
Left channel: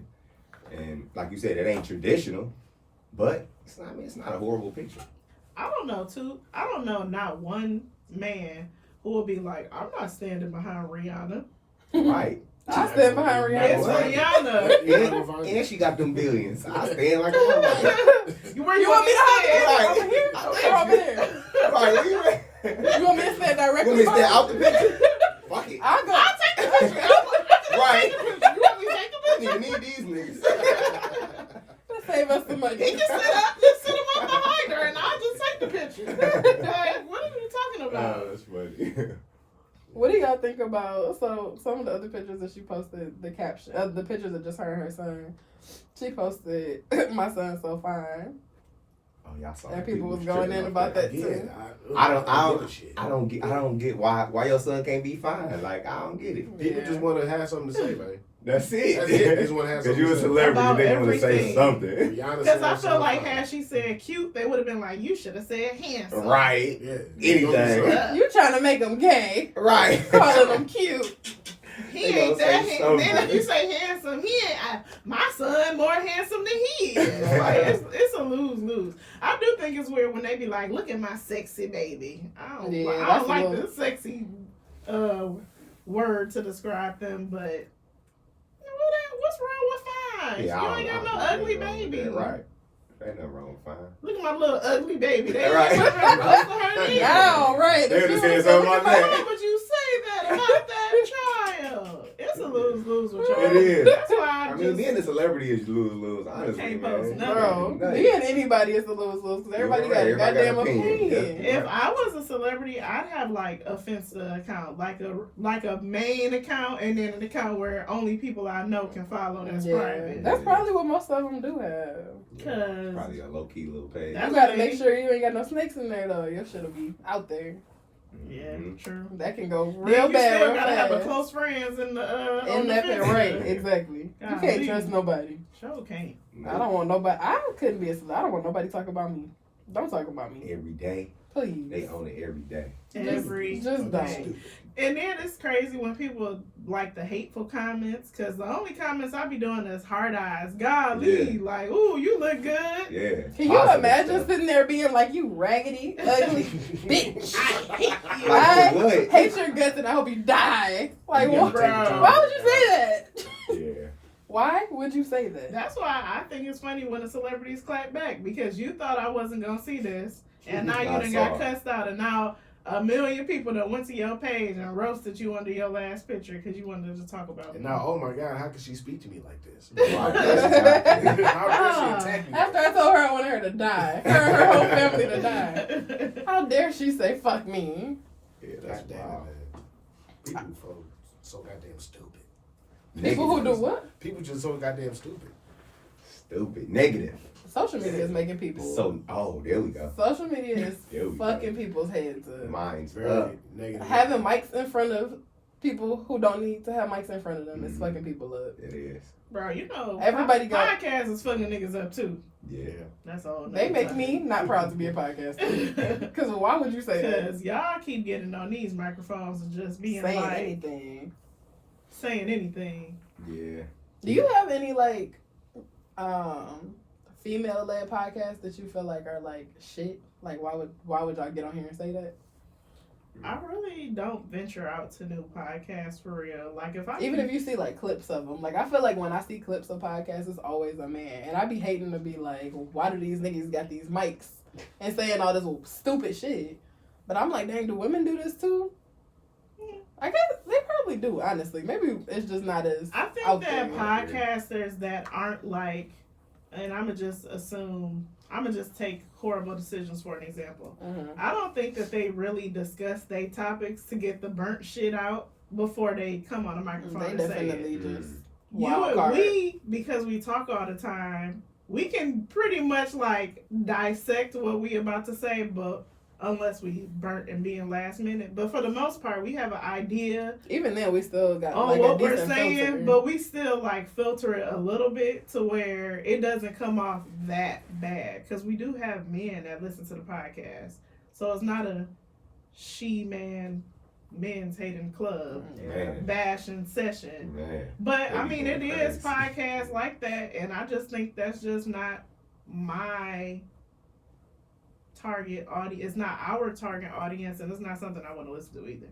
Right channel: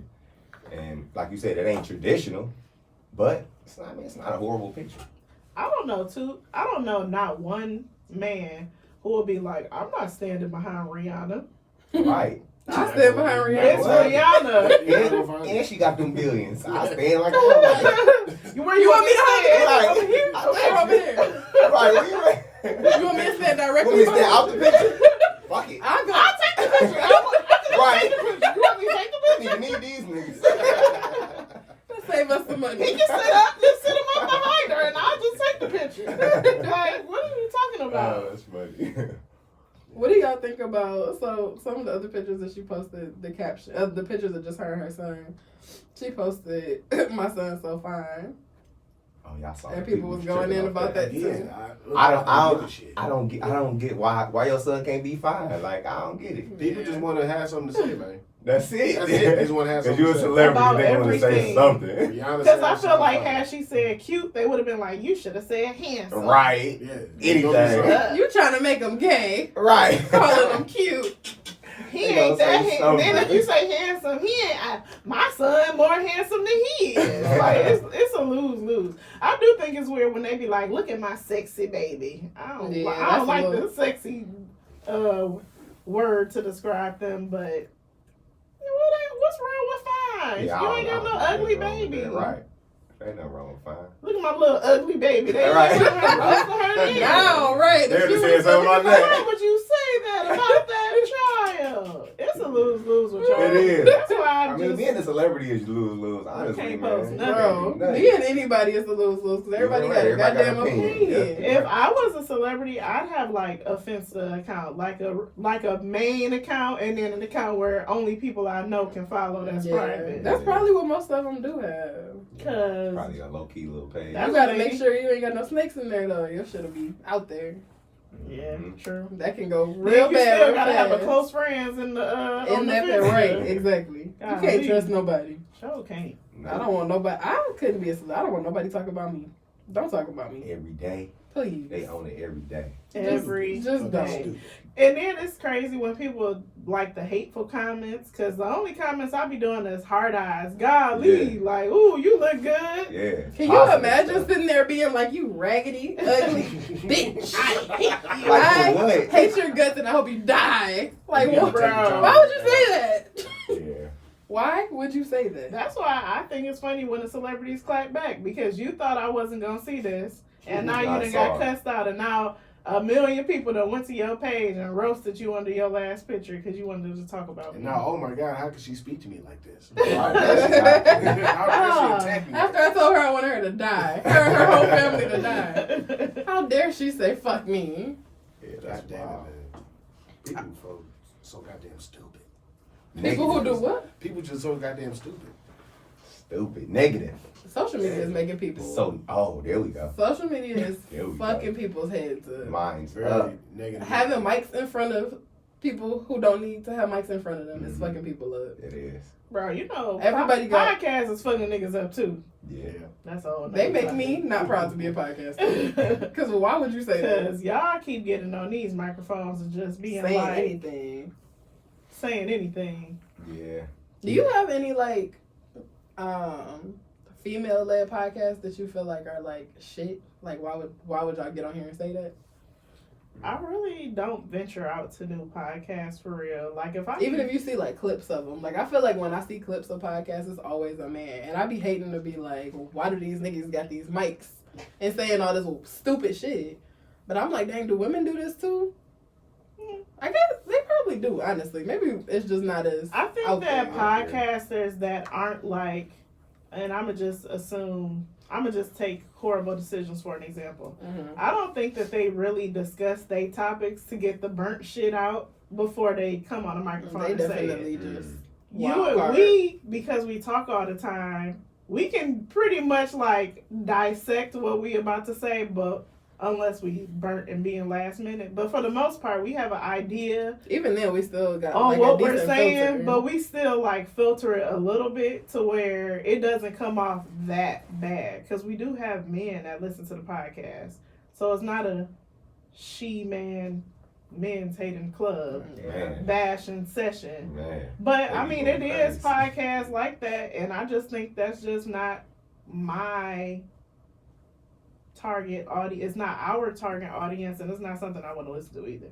is. And like you said, it ain't traditional, but it's not. I mean, it's not a horrible picture. I don't know not one man who will be like, I'm not standing behind Rihanna. Right. I stand behind It's Rihanna. Rihanna. And she got them billions. I stand like that. Where You want me to stand? hold it? Over here? Or over there? Right, where you at? You want me to stand directly? Want me to stand behind out the picture? Fuck it. I'll go. I'll take the picture. Right. You want me to take the I picture? don't even need these niggas. Let's save us some money. He can just sit him up behind her, and I'll just take the picture. Like, what are you talking about? that's funny. What do y'all think about, so some of the other pictures that she posted, the caption, the pictures of just her and her son, she posted, my son's so fine. Oh, y'all saw And that. people was going tripping in off about that Yeah, too. I don't get why your son can't be fine. Like, I don't get it. People just want to have something to say, man. That's it. That's it. They just want to have Because something you're a to say. celebrity, About they want to say everything. something. Rihanna Because said I feel something like fine. had she said cute, they would have been like, you should have said handsome. Right. Yeah. Anything. You trying to make him gay, Right. calling him cute. He They ain't gonna that say handsome. Then if something. you say handsome, he ain't. My son more handsome than he is. Like, it's a lose-lose. I do think it's weird when they be like, look at my sexy baby. I don't Yeah, like that's a the sexy word to describe them, but what's wrong with fine? Yeah, You ain't got no ugly baby. Right. Ain't nothing wrong with fine. Look at my little ugly baby. They Right. Now, right. They would have said something like Why that. would you say that about that child? It's a lose-lose with y'all. It is. celebrity is lose. Honestly, can't man. post You nothing. can't do Bro, nothing. being anybody is a lose-lose because everybody got a Everybody got goddamn an opinion. opinion. Yeah. If I was a celebrity, I'd have like a Finsta account, like a main account, and then an account where only people I know can follow. That's private. That's probably what most of them do have. Cause Probably a low key little page. That's You gotta what make they- sure you ain't got no snakes in there though. Your shit'll be out there. yeah, true. That can go Then real you bad. still real gotta have a fast. close friends in the In on the that Finsta. right, exactly. You can't Golly. trust nobody. Sure can't. I don't want nobody. I couldn't be a celeb. I don't want nobody talking about me. Don't talk about me, Every day. please. They own it every day. Every Just day. don't. And then it's crazy when people like the hateful comments, because the only comments I be doing is hard eyes. Golly, Yeah. like, ooh, you look good. Yeah. Can you Positive imagine stuff. sitting there being like, you raggedy, ugly bitch? I hate you. Like, I for what? hate your guts and I hope you die. Like, You what? gotta take the time. Why would you say that? Yeah. Why would you say that? That's why I think it's funny when the celebrities clap back, because you thought I wasn't gonna see this, and now you I done saw got it. cussed out, and now 1 million people that went to your page and roasted you under your last picture because you wanted to talk about And me. now, oh my God, how could she speak to me like this? Right, that's exactly. How could she attack me? After I told her I wanted her to die, her and her whole family to die. How dare she say fuck me? Yeah, that's God damn wild. it, man. People so goddamn stupid. People who do what? People just so goddamn stupid. Stupid. Negative. Social media is making people. There we go. Social media is There we fucking go. people's heads up. Mine's Very up. negative. Having mics in front of people who don't need to have mics in front of them is fucking people up. It is. Bro, you know, Everybody got- podcasts is fucking niggas up too. Yeah. That's all. They make me not proud to be a podcaster. Because why would you say that? Because y'all keep getting on these microphones and just being Saying like, anything. saying anything. Yeah. Do you have any like female led podcasts that you feel like are like shit? Like why would y'all get on here and say that? I really don't venture out to new podcasts for real. Like Even if you see like clips of them, like I feel like when I see clips of podcasts, it's always a man, and I be hating to be like, why do these niggas got these mics and saying all this stupid shit? But I'm like, dang, do women do this too? I guess they probably do. Honestly, maybe it's just not as. I think out that there. podcasters that aren't like, and I'm gonna just take horrible decisions for an example. Mm-hmm. I don't think that they really discuss their topics to get the burnt shit out before they come on a microphone They and say it. definitely just. You wild and card. we, because we talk all the time, we can pretty much like dissect what we about to say, but unless we burnt and being last minute. But for the most part, we have an idea Even then, we still got on like, what a we're decent saying, filter. but we still like filter it a little bit to where it doesn't come off that bad. Because we do have men that listen to the podcast, so it's not a men's hating club Man. bashing session. Man. But I Maybe mean, it going is crazy. podcasts like that, and I just think that's just not my target audience. It's not our target audience, and it's not something I want to listen to either.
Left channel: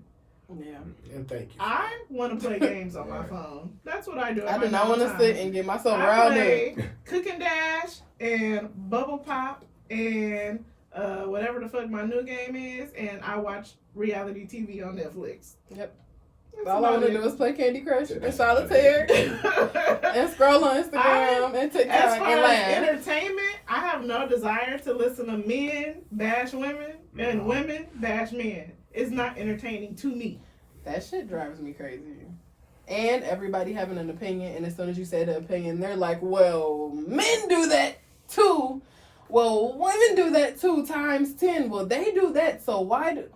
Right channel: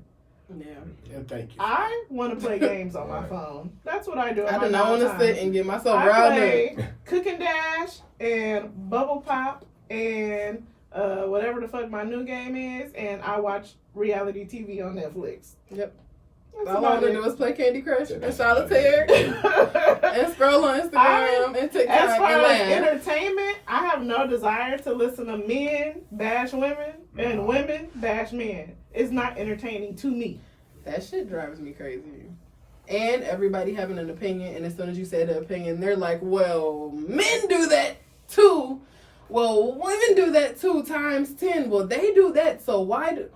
Yeah. And thank you. I want to play games on my Right. phone. That's what I do. I do not want to sit and get myself I riled up. play Cook and Dash and Bubble Pop and whatever the fuck my new game is, and I watch reality TV on Netflix. Yep. That's All I want to about do is play Candy Crush Yeah, and that's solitaire it. and scroll on Instagram and TikTok As far and as laugh. entertainment, I have no desire to listen to men bash women and women bash men. It's not entertaining to me. That shit drives me crazy. And everybody having an opinion, and as soon as you say the opinion, they're like, well, men do that too. Well, women do that too times 10. Well, they do that, so why do...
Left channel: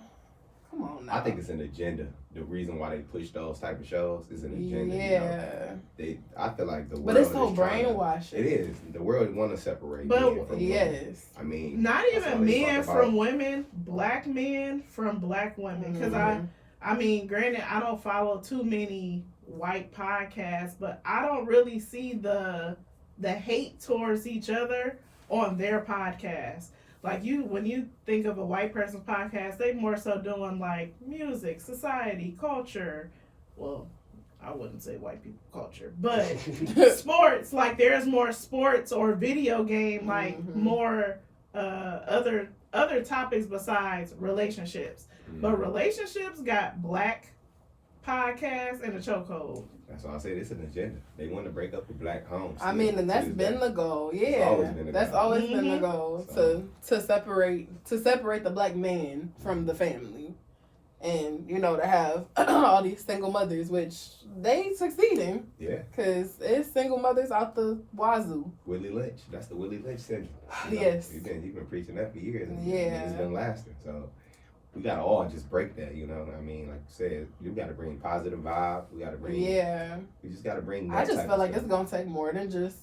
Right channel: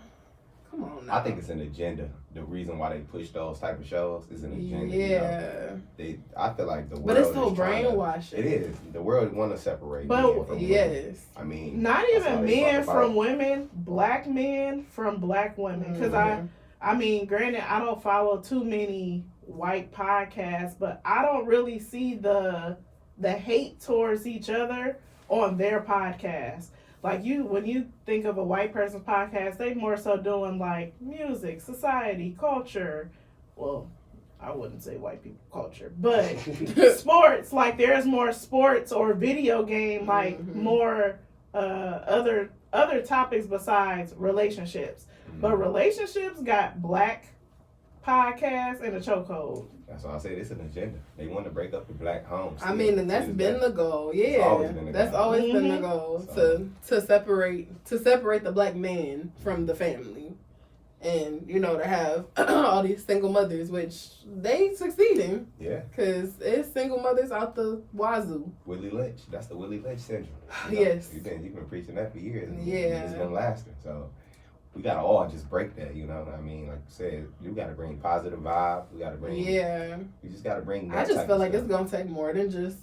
Come on now. I think it's an agenda. The reason why they push those type of shows is an agenda. You know? I feel like the world But it's so is trying to- brainwashing. It is. The world want to separate But- men from women. Yes. I mean, Not that's even all they men talk from about. women, black men from black women. Because Mhm. I mean, granted, I don't follow too many white podcasts, but I don't really see the hate towards each other on their podcast. Like when you think of a white person's podcast, they more so doing like music, society, culture. Well, I wouldn't say white people culture, but sports. Like there's more sports or video game, like Mhm. more other topics besides relationships. But relationships got black podcast, and a chokehold. That's why I say it's an agenda. They want to break up the black home. I mean, and that's been the goal. Yeah, always been the that's goal. always been the Mhm. goal So- to separate the black man from the family, and to have all these single mothers, which they succeeding Yeah, because it's single mothers out the wazoo. Willie Lynch. That's the Willie Lynch syndrome. Yes. You've been preaching that for years. And Yeah. it's been lasting. So we gotta all just break that. You know what I mean? Like you said, you gotta bring positive vibe. We gotta bring. Yeah, We just gotta bring. I That just type feel of like stuff. it's gonna take more than just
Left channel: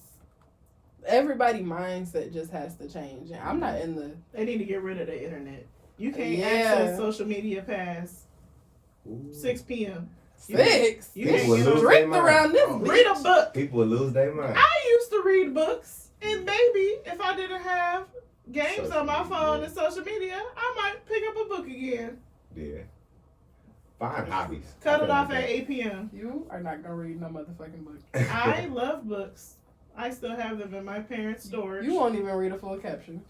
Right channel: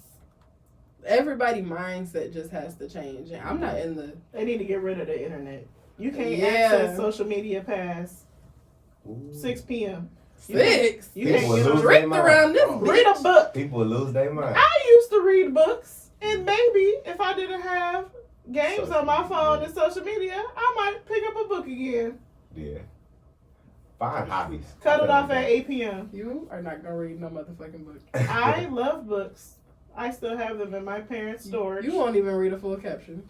everybody mindset just has to change. And I'm not in the They need to get rid of the internet. You can't Yeah. access social media past Ooh. 6 p.m. 6. You People can't will get lose a their Strict mind. around this read a bitch. book. People will lose their mind. I used to read books, and maybe if I didn't have games Social on my phone media. and social media, I might pick up a book again. Yeah. Find hobbies. Cut I it feel off like at that. 8 p.m. You are not gonna read no motherfucking book. I love books. I still have them in my parents' storage. You won't even read a full caption.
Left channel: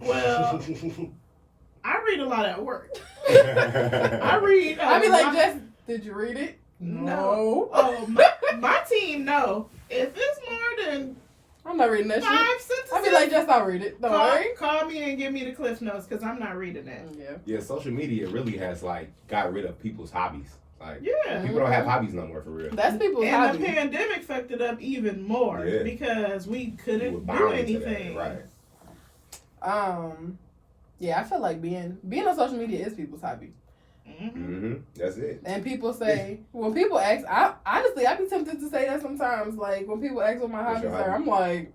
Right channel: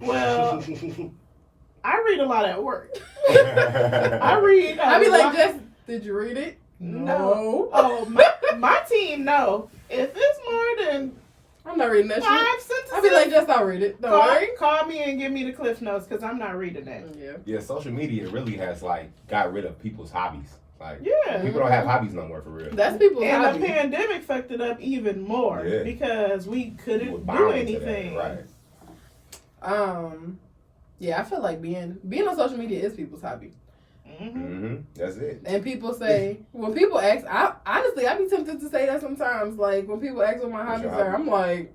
Well, I read a lot at work. I read. I'd be a like, lot- Jess, did you read it? No. Oh, my team, no. If it's more than I'm not reading that 5 shit. sentences, I'd be like, Jess, I'll read it. Don't worry. call me and give me the cliff notes because I'm not reading that. Yeah. Yeah, social media really has got rid of people's hobbies. Like Yeah. people don't have hobbies no more for real. That's people's And hobby. the pandemic fucked it up even more Yeah. because we You were couldn't do bound to that, anything. right? Yeah, I feel like being on social media is people's hobby. Mm-hmm. That's it. And people say, when people ask, I'd be tempted to say that sometimes. Like, when people ask what my What's hobbies your are, hobby? I'm like,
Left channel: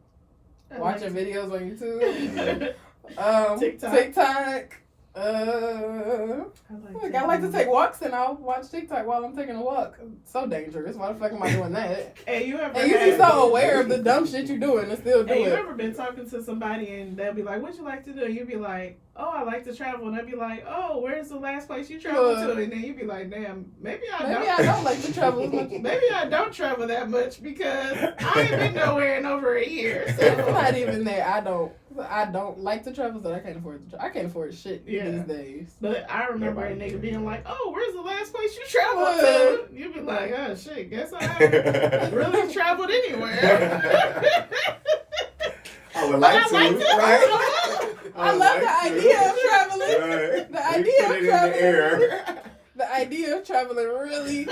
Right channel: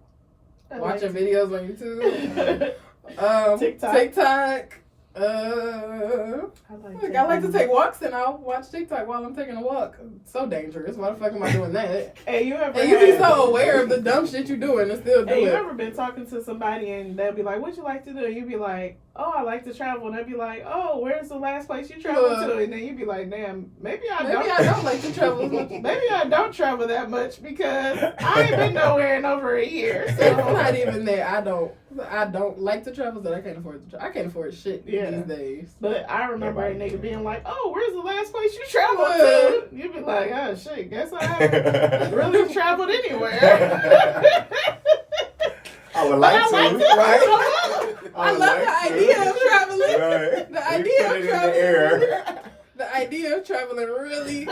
I watching like- videos on YouTube. TikTok. TikTok. I I like to take walks and I'll watch TikTok while I'm taking a walk. So dangerous. Why the fuck am I doing that? Hey, you ever And you be had- so aware of the dumb shit you doing and still do Hey, you it. ever been talking to somebody and they'll be like, "What you like to do?" And you be like, "Oh, I like to travel." And they'll be like, "Oh, where's the last place you traveled to?" And then you be like, "Damn, maybe I don't like to travel as much. Maybe I don't travel that much because I ain't been nowhere in over a year." It's So not even that. I don't like to travel, so I can't afford to travel. I can't afford shit Yeah. these days. But I remember a Nobody nigga can. being like, "Oh, where's the last place you traveled to?" You be like, "Oh shit, guess I haven't really traveled anywhere." I would like I to, like to. right? I would love the like to. idea of traveling. Right. The We idea put of it in traveling. the air. The idea of traveling really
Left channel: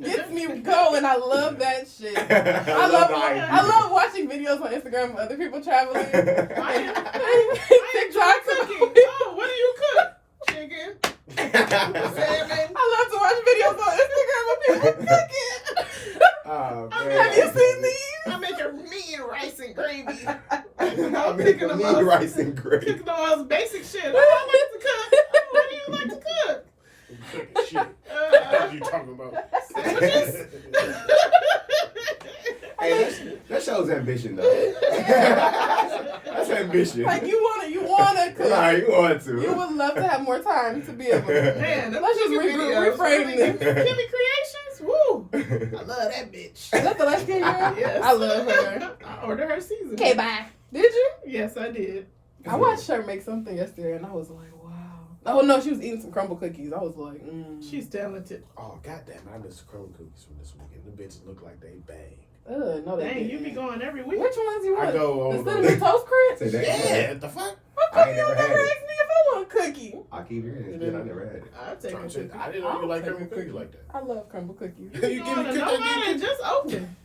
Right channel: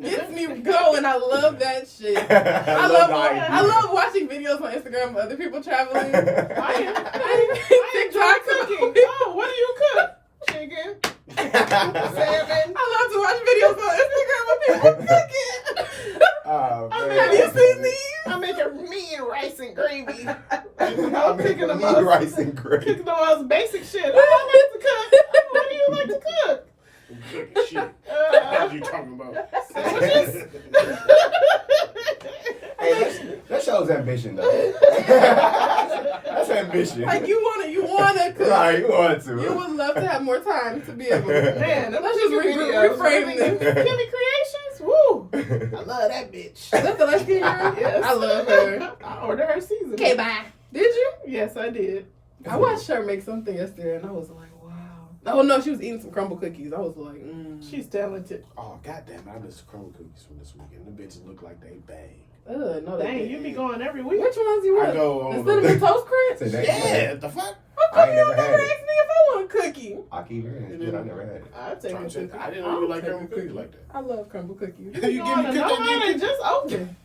gets me going. I love that shit. I love the idea. I love watching videos on Instagram of other people traveling. I enjoy cooking. Oh, what do you cook? Chicken, salmon. I love to watch videos on Instagram of people cooking. Oh, I man. mean, Have you seen these? I make a mean rice and gravy. I'm picking them making up. rice and gravy. Cooking the most basic shit. Oh, I like to cook. Oh, what do you like to cook? Shit. What you talking about? Sandwiches. Hey, that shows ambition, though. That's ambition. Like you wanna cook. Right, you want to. You would love to have more time to be able to. Man, them Let's just chicken videos. reframe this. Kimmy Creations. Woo. I love that bitch. Is that the light skin girl? Yes. I love her. I ordered her season. Okay, bye. Did you? Yes, I did. I watched her make something yesterday and I was like, wow. Oh no, she was eating some crumble cookies. I was like, She's talented. Oh, goddamn, I missed the crumble cookies from this weekend. The bitches look like they bang. no, they Dang, you didn't. be going every week. Which ones you I want? go on The cinnamon toast crunch? Say that. Yeah, the fuck? How I come ain't you never never had asked it. me if I want a cookie? I keep hearing it's good. I never had it. I'll take a I cookie. didn't know you like crumble cookies like that. I love crumble cookies. You give me Going to cookies, nobody, just open.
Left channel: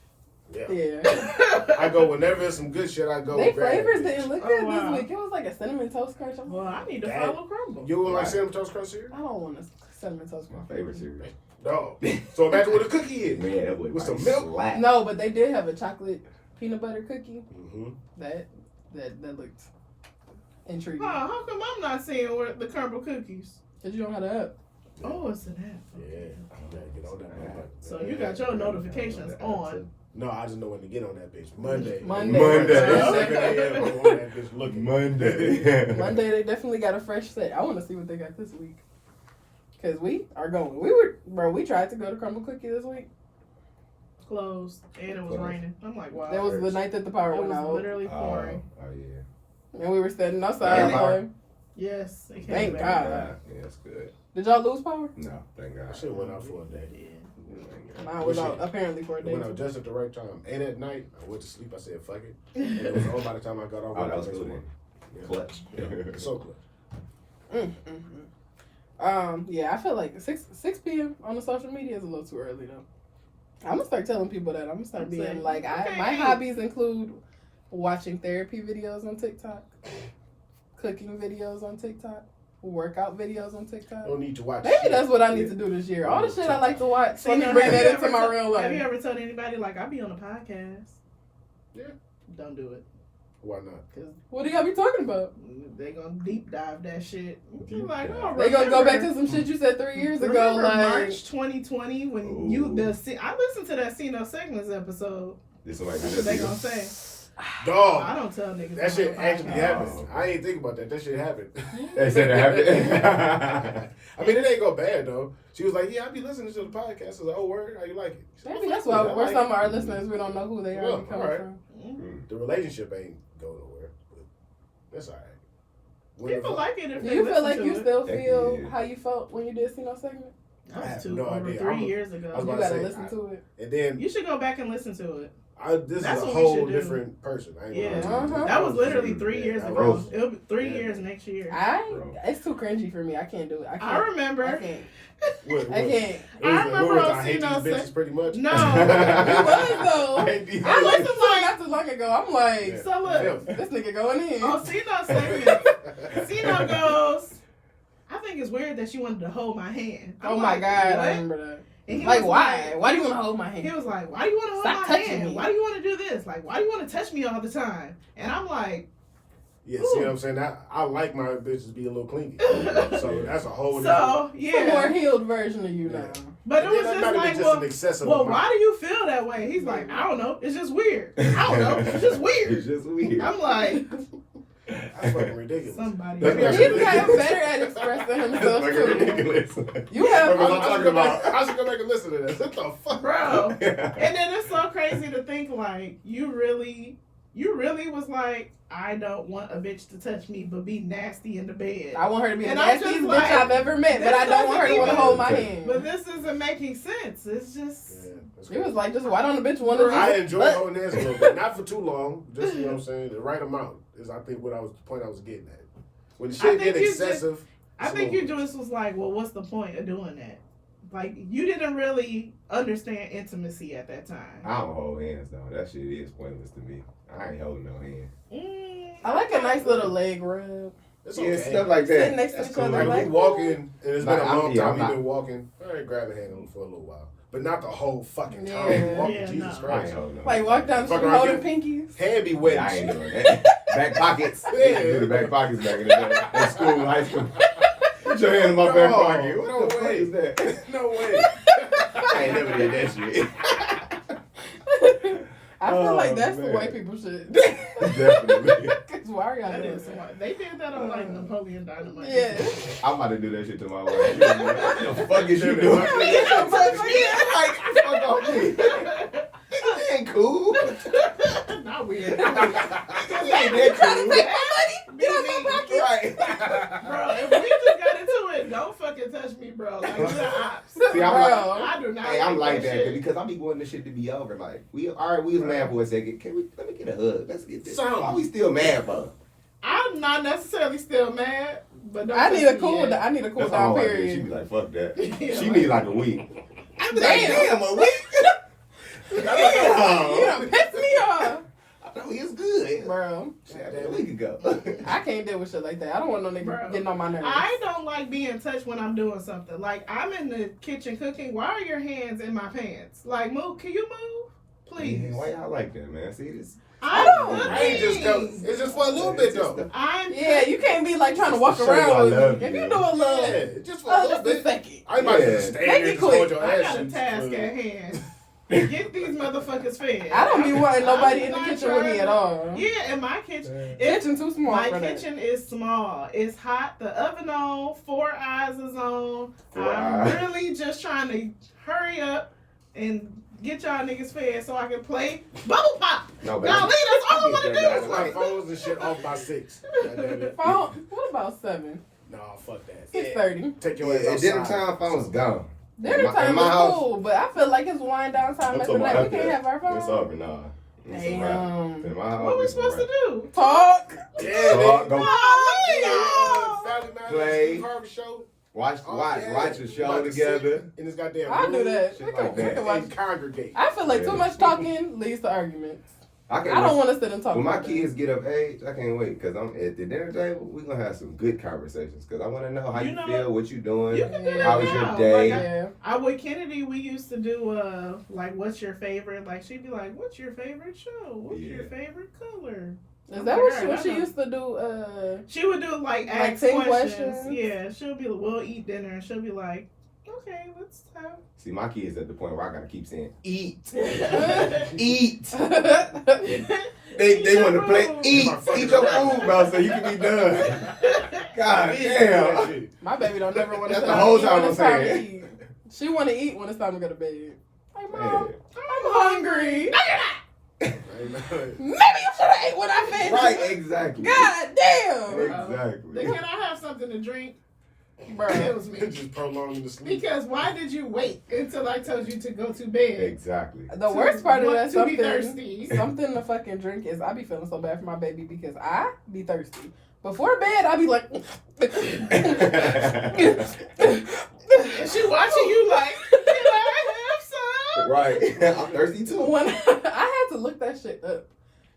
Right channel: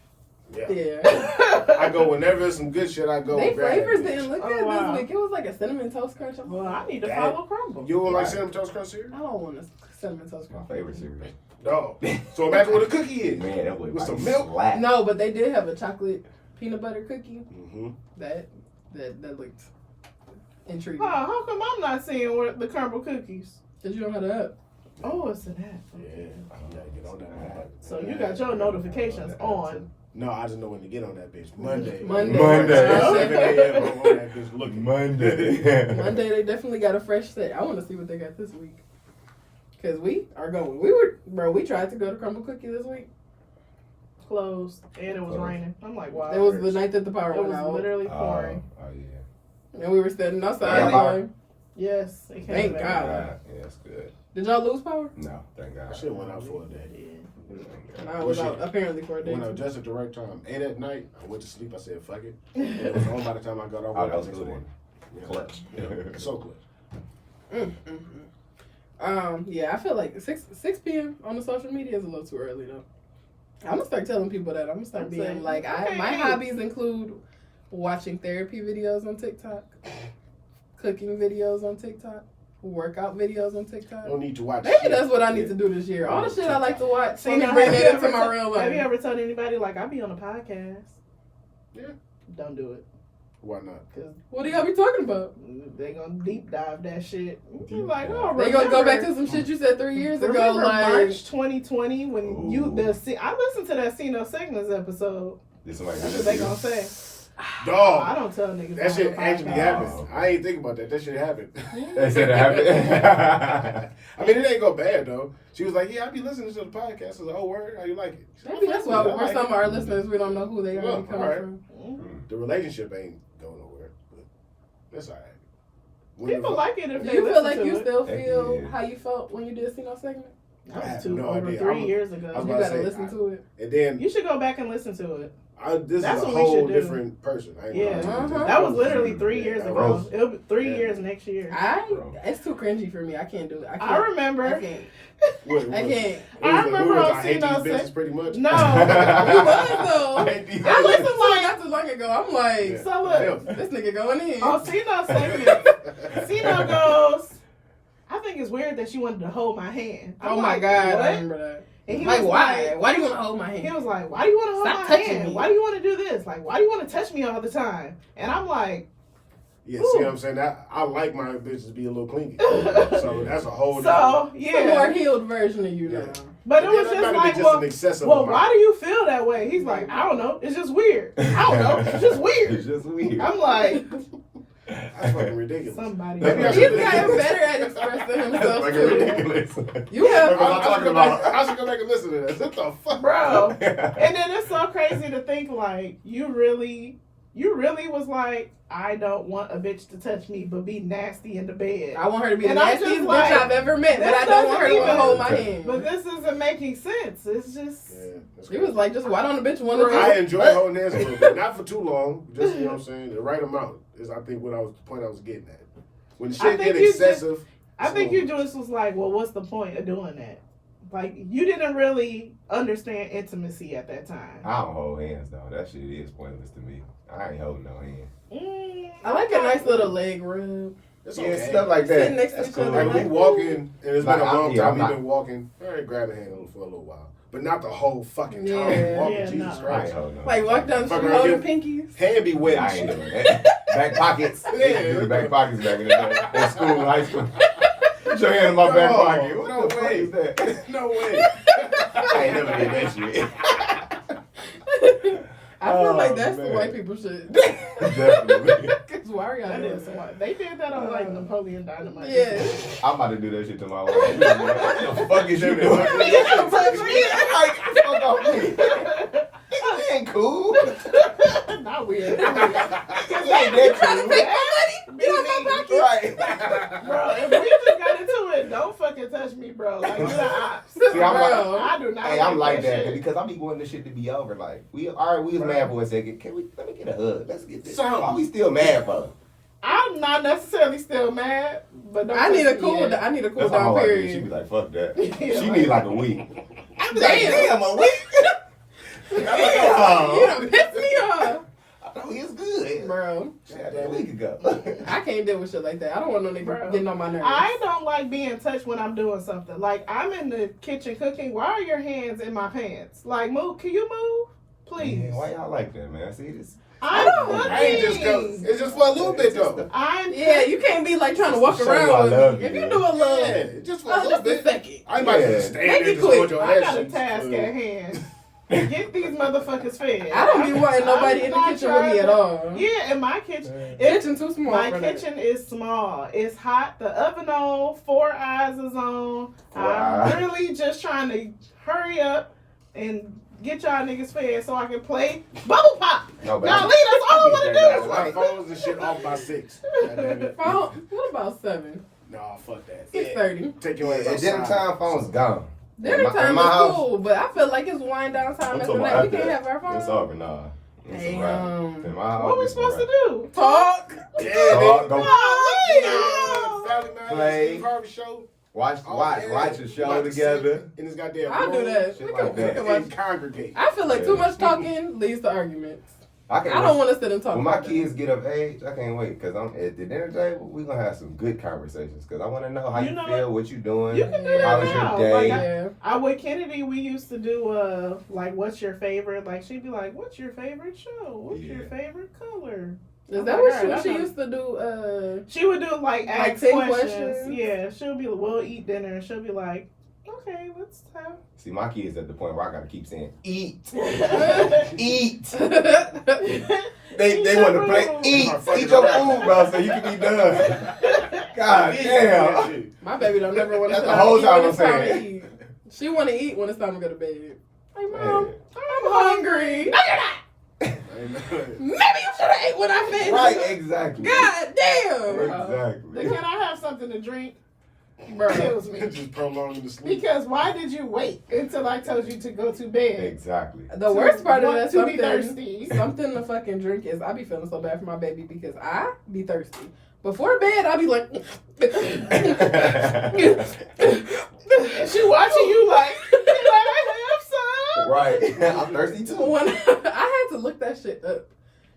Yeah. Yeah. I go whenever there's some good shit. I go. They grab flavors it. didn't look Oh, good wow. this week. It was like a cinnamon toast crunch. Well, I need to Dang. follow Crumble. You don't like Right. cinnamon toast crunch cereal? I don't want a cinnamon toast My crunch. favorite cereal. No. So imagine what a cookie is. Man, that would With some like milk? slap. No, but they did have a chocolate peanut butter cookie. Mm-hmm. That looked intriguing. Oh, how come I'm not seeing where the Crumble cookies? Cause you don't have the app. Oh, it's an app. Yeah. You gotta get on that. So you got your notifications on. No, I just know when to get on that bitch. Monday. Monday. 7 a.m. on that bitch looking. Monday. Monday they definitely got a fresh set. I want to see what they got this week. Cause we are going. We tried to go to Crumble Cookie this week. Closed, and it was Closed. raining. I'm like, wow. It was the night that the power It went was out, literally pouring. Oh, yeah. and we were standing outside. Yeah. Anyway. Yes, it came Thank back. God. Yeah, that's good. Did y'all lose power? No, thank God. Shit went out for a day. Mine was out apparently for a It day. went out just at the right time. And at night, I went to sleep. I said, "Fuck it," and it was on by the time I got off. Oh, that was the next good. morning. Yeah. Clutch. Yeah. So clutch. Yeah, I feel like 6 p.m. on the social media is a little too early though. I'm gonna start telling people that. I'm gonna start being like, my hobbies include watching therapy videos on TikTok, cooking videos on TikTok, workout videos on TikTok. Don't need to watch. Maybe shit. that's what I need to do this year. All the shit I like to watch. So Let me now, bring have that you into my ever real Have you life. ever told anybody like I be on a podcast? Yeah. Don't do it. Why not? Cause What do y'all be talking about? they gonna deep dive that shit. You Deep like, dive. oh, They gonna go back remember- to some shit you said 3 years ago. Remember Like, March 2020 when Ooh. I listened to that See No Segments episode. Did somebody That's what they gonna say. Dog. I don't tell niggas. That on shit the actually podcast. happened. I ain't think about that. That shit happened. They said it happened. I mean, it ain't go bad though. She was like, "Yeah, I be listening to the podcast." I was like, "Oh, word? How you like it?" She said, maybe that's "I why like we're it." some of our listeners, we don't know who they are Well, coming alright. from. The relationship ain't going nowhere, but that's alright. When People the- like it if Do they you feel listen like to you it. still Heck feel yeah. how you felt when you did See No Segment? I That have was no over idea. 3 years I ago. was You about to gotta say, listen to it. And then You should go back and listen to it. this That's is a what we whole should do. different person. I ain't Yeah. gonna lie to you. That was literally 3 Yeah, years that ago. was- It'll be 3 Yeah. years next year. It's too cringy for me. I can't do it. I can't. I remember. I can't. What, I can't. I remember on I hate these See No bitches pretty much. No. You was though. I hate these I bitches. listened to it not too long ago. I'm like, Yeah. So look, this nigga going in. on See No Segment, See No goes, I think it's weird that she wanted to hold my hand. I'm Oh my like, god, what? I remember that. And he Like, was why? like- Why do you want to hold my He hand? was like, why do you want to hold Stop my touching hand? me. Why do you want to do this? Like, why do you want to touch me all the time? And I'm like, Yeah, see what I'm saying? I like my bitches to be a little clingy. So that's a whole so, It's a more yeah. healed version of you Yeah. now. But it was that's just not even like, just well, an excessive well, amount. why do you feel that way? He's like, I don't know. It's just weird. I don't know. It's just weird. It's just weird. I'm like, That's fucking ridiculous. somebody. Maybe I He's should- gotten better at expressing That's himself fucking too. ridiculous. You have Remember what I'm talking about? I should go back and listen to that. What the fuck? Bro. And then it's so crazy to think like you really was like, I don't want a bitch to touch me, but be nasty in the bed. I want her to be the And I'm nastiest just bitch like, I've ever met, but this I don't want her to want to doesn't hold my even- hand. But this isn't making sense. It's just Yeah, that's He was crazy. like, just why don't a bitch want to do I enjoy holding hands a little bit, not for too long. Just you know what I'm saying. The right amount is, I think, what I was the point I was getting at. When the I shit think get you excessive, I think you just was like, well, what's the point of doing that? Like you didn't really understand intimacy at that time. I don't hold hands though. That shit is pointless to me. I ain't holding no hand. I like a nice little leg rub. It's Yeah, okay. stuff like Sitting that. next to That's each cool. other, Like like, we walking, and it's Like, been a I'm- long yeah, time I'm you've not- been walking. All right, grab a hand on for a little while, but not the whole fucking time. Yeah. Walking, Yeah, Jesus no. I ain't Christ. holding no Like walk down the Fuck street around holding pinkies. Hand be wet. I and ain't shit. doing that. Back pockets. Yeah. Do the back pockets back in the day. In school, in high school. Put your hand in my back No, pocket. What no the fuck way. is that? No way. I ain't never did that shit. I feel Oh, like that's man. the way people should. Definitely. Cause why are y'all That doing is that? smart. They did that on like Napoleon Dynamite. Yeah. I'm about to do that shit to my wife. What the fuck is you Yeah, doing? Yeah, but Like, fuck off me. That ain't cool. Not weird. Just like that cool. Get out my pocket. Right. Bro, if we just got into it, don't fucking touch me, bro. Like, you're the ops. See, I'm Bro. I do not Hey, I'm like that shit. because I be wanting this shit to be over. Like, we was mad for a second. Let me get a hug. Let's get this. Something. Why we still mad for? I'm not necessarily still mad, but don't I need touch a cool. me yet. I need a cool That's how my down wife is. She period. be like, fuck that. Yeah, She like- need like a week. I be like, Damn. damn, a week? You Damn. done pissed me off, I know it's good. bro. Shit, a week ago. I can't deal with shit like that. I don't want no nigga Bro. getting on my nerves. I don't like being touched when I'm doing something. Like, I'm in the kitchen cooking. Why are your hands in my pants? Like, move. Can you move? Please. Man, why y'all like that, man? See this? I'm I ain't just go. cooking. It's just for a little bit though. I'm Yeah, you can't be like trying to walk Just to show you I around with love me. If you. you do a little, Yeah, just for a oh, little just a bit. second. I ain't about to Yeah. stand Make there it and just hold quick. your I ass. got a and- task at hand. Get these motherfuckers fed. I don't be wanting nobody in the I'm kitchen not with me at trying all. Yeah, in my kitchen. It's Kitchen too small My for that. kitchen is small. It's hot. The oven on. 4 eyes is on. 4 I'm eyes. really just trying to hurry up and get y'all niggas fed so I can play bubble pop. No, but Now leave, that's all I want to That's do. why phones and shit off by 6. Goddamn Phone, what about 7? Nah, fuck that. 6:30. Take your ass at dinner outside. time, phone's gone. Dinner time in my is house, cool, but I feel like it's wind down time I'm at the talking about night. We after can't that. have our phone. It's over, nah. It's a wrap. Damn. In my house, What we it's a supposed to wrap. do? Talk. Yeah, Talk, nigga. go Family Matters, Play. Steve Harvey show. watch a show About to together. sit in this goddamn I'll do room that. Shit We like can- we that. can watch- and congregate. I feel like Yeah. too much talking leads to arguments. I I don't want to sit and talk. When my about kids get of age, I can't wait because I'm at the dinner table. We gonna have some good conversations because I want to know how You you know feel, what you doing, You can do that how was now. your day. Like, Yeah. I with Kennedy, we used to do like, what's your favorite? Like, she'd be like, what's your favorite show? What's your Yeah. favorite color? Is that Oh what my she, God, she that's used to do? She would do like ask 10 questions. questions? Yeah, she'll be, we'll eat dinner, and she'll be like, okay, let's have. See, my kids at the point where I gotta keep saying eat, Eat. eat. They want to play eat your food, bro, so you can be done. God damn. My baby don't never want to. That's the whole time I'm it's time to saying. eat. She want to eat when it's time to go to bed. Like, Hey. Mom, I'm hungry. No, you're not. Maybe you should have ate when I fed you. Right, exactly. God damn. Exactly. Can I have something to drink? Bro. It was me. Just prolonging the sleep. Because why did you wait until I told you to go to bed? Exactly. The worst part of that To be something, thirsty. something to fucking drink is I be feeling so bad for my baby because I be thirsty. Before bed, I be like, And she watching you like, can I have some? Right. I'm thirsty too. when I had to look that shit up.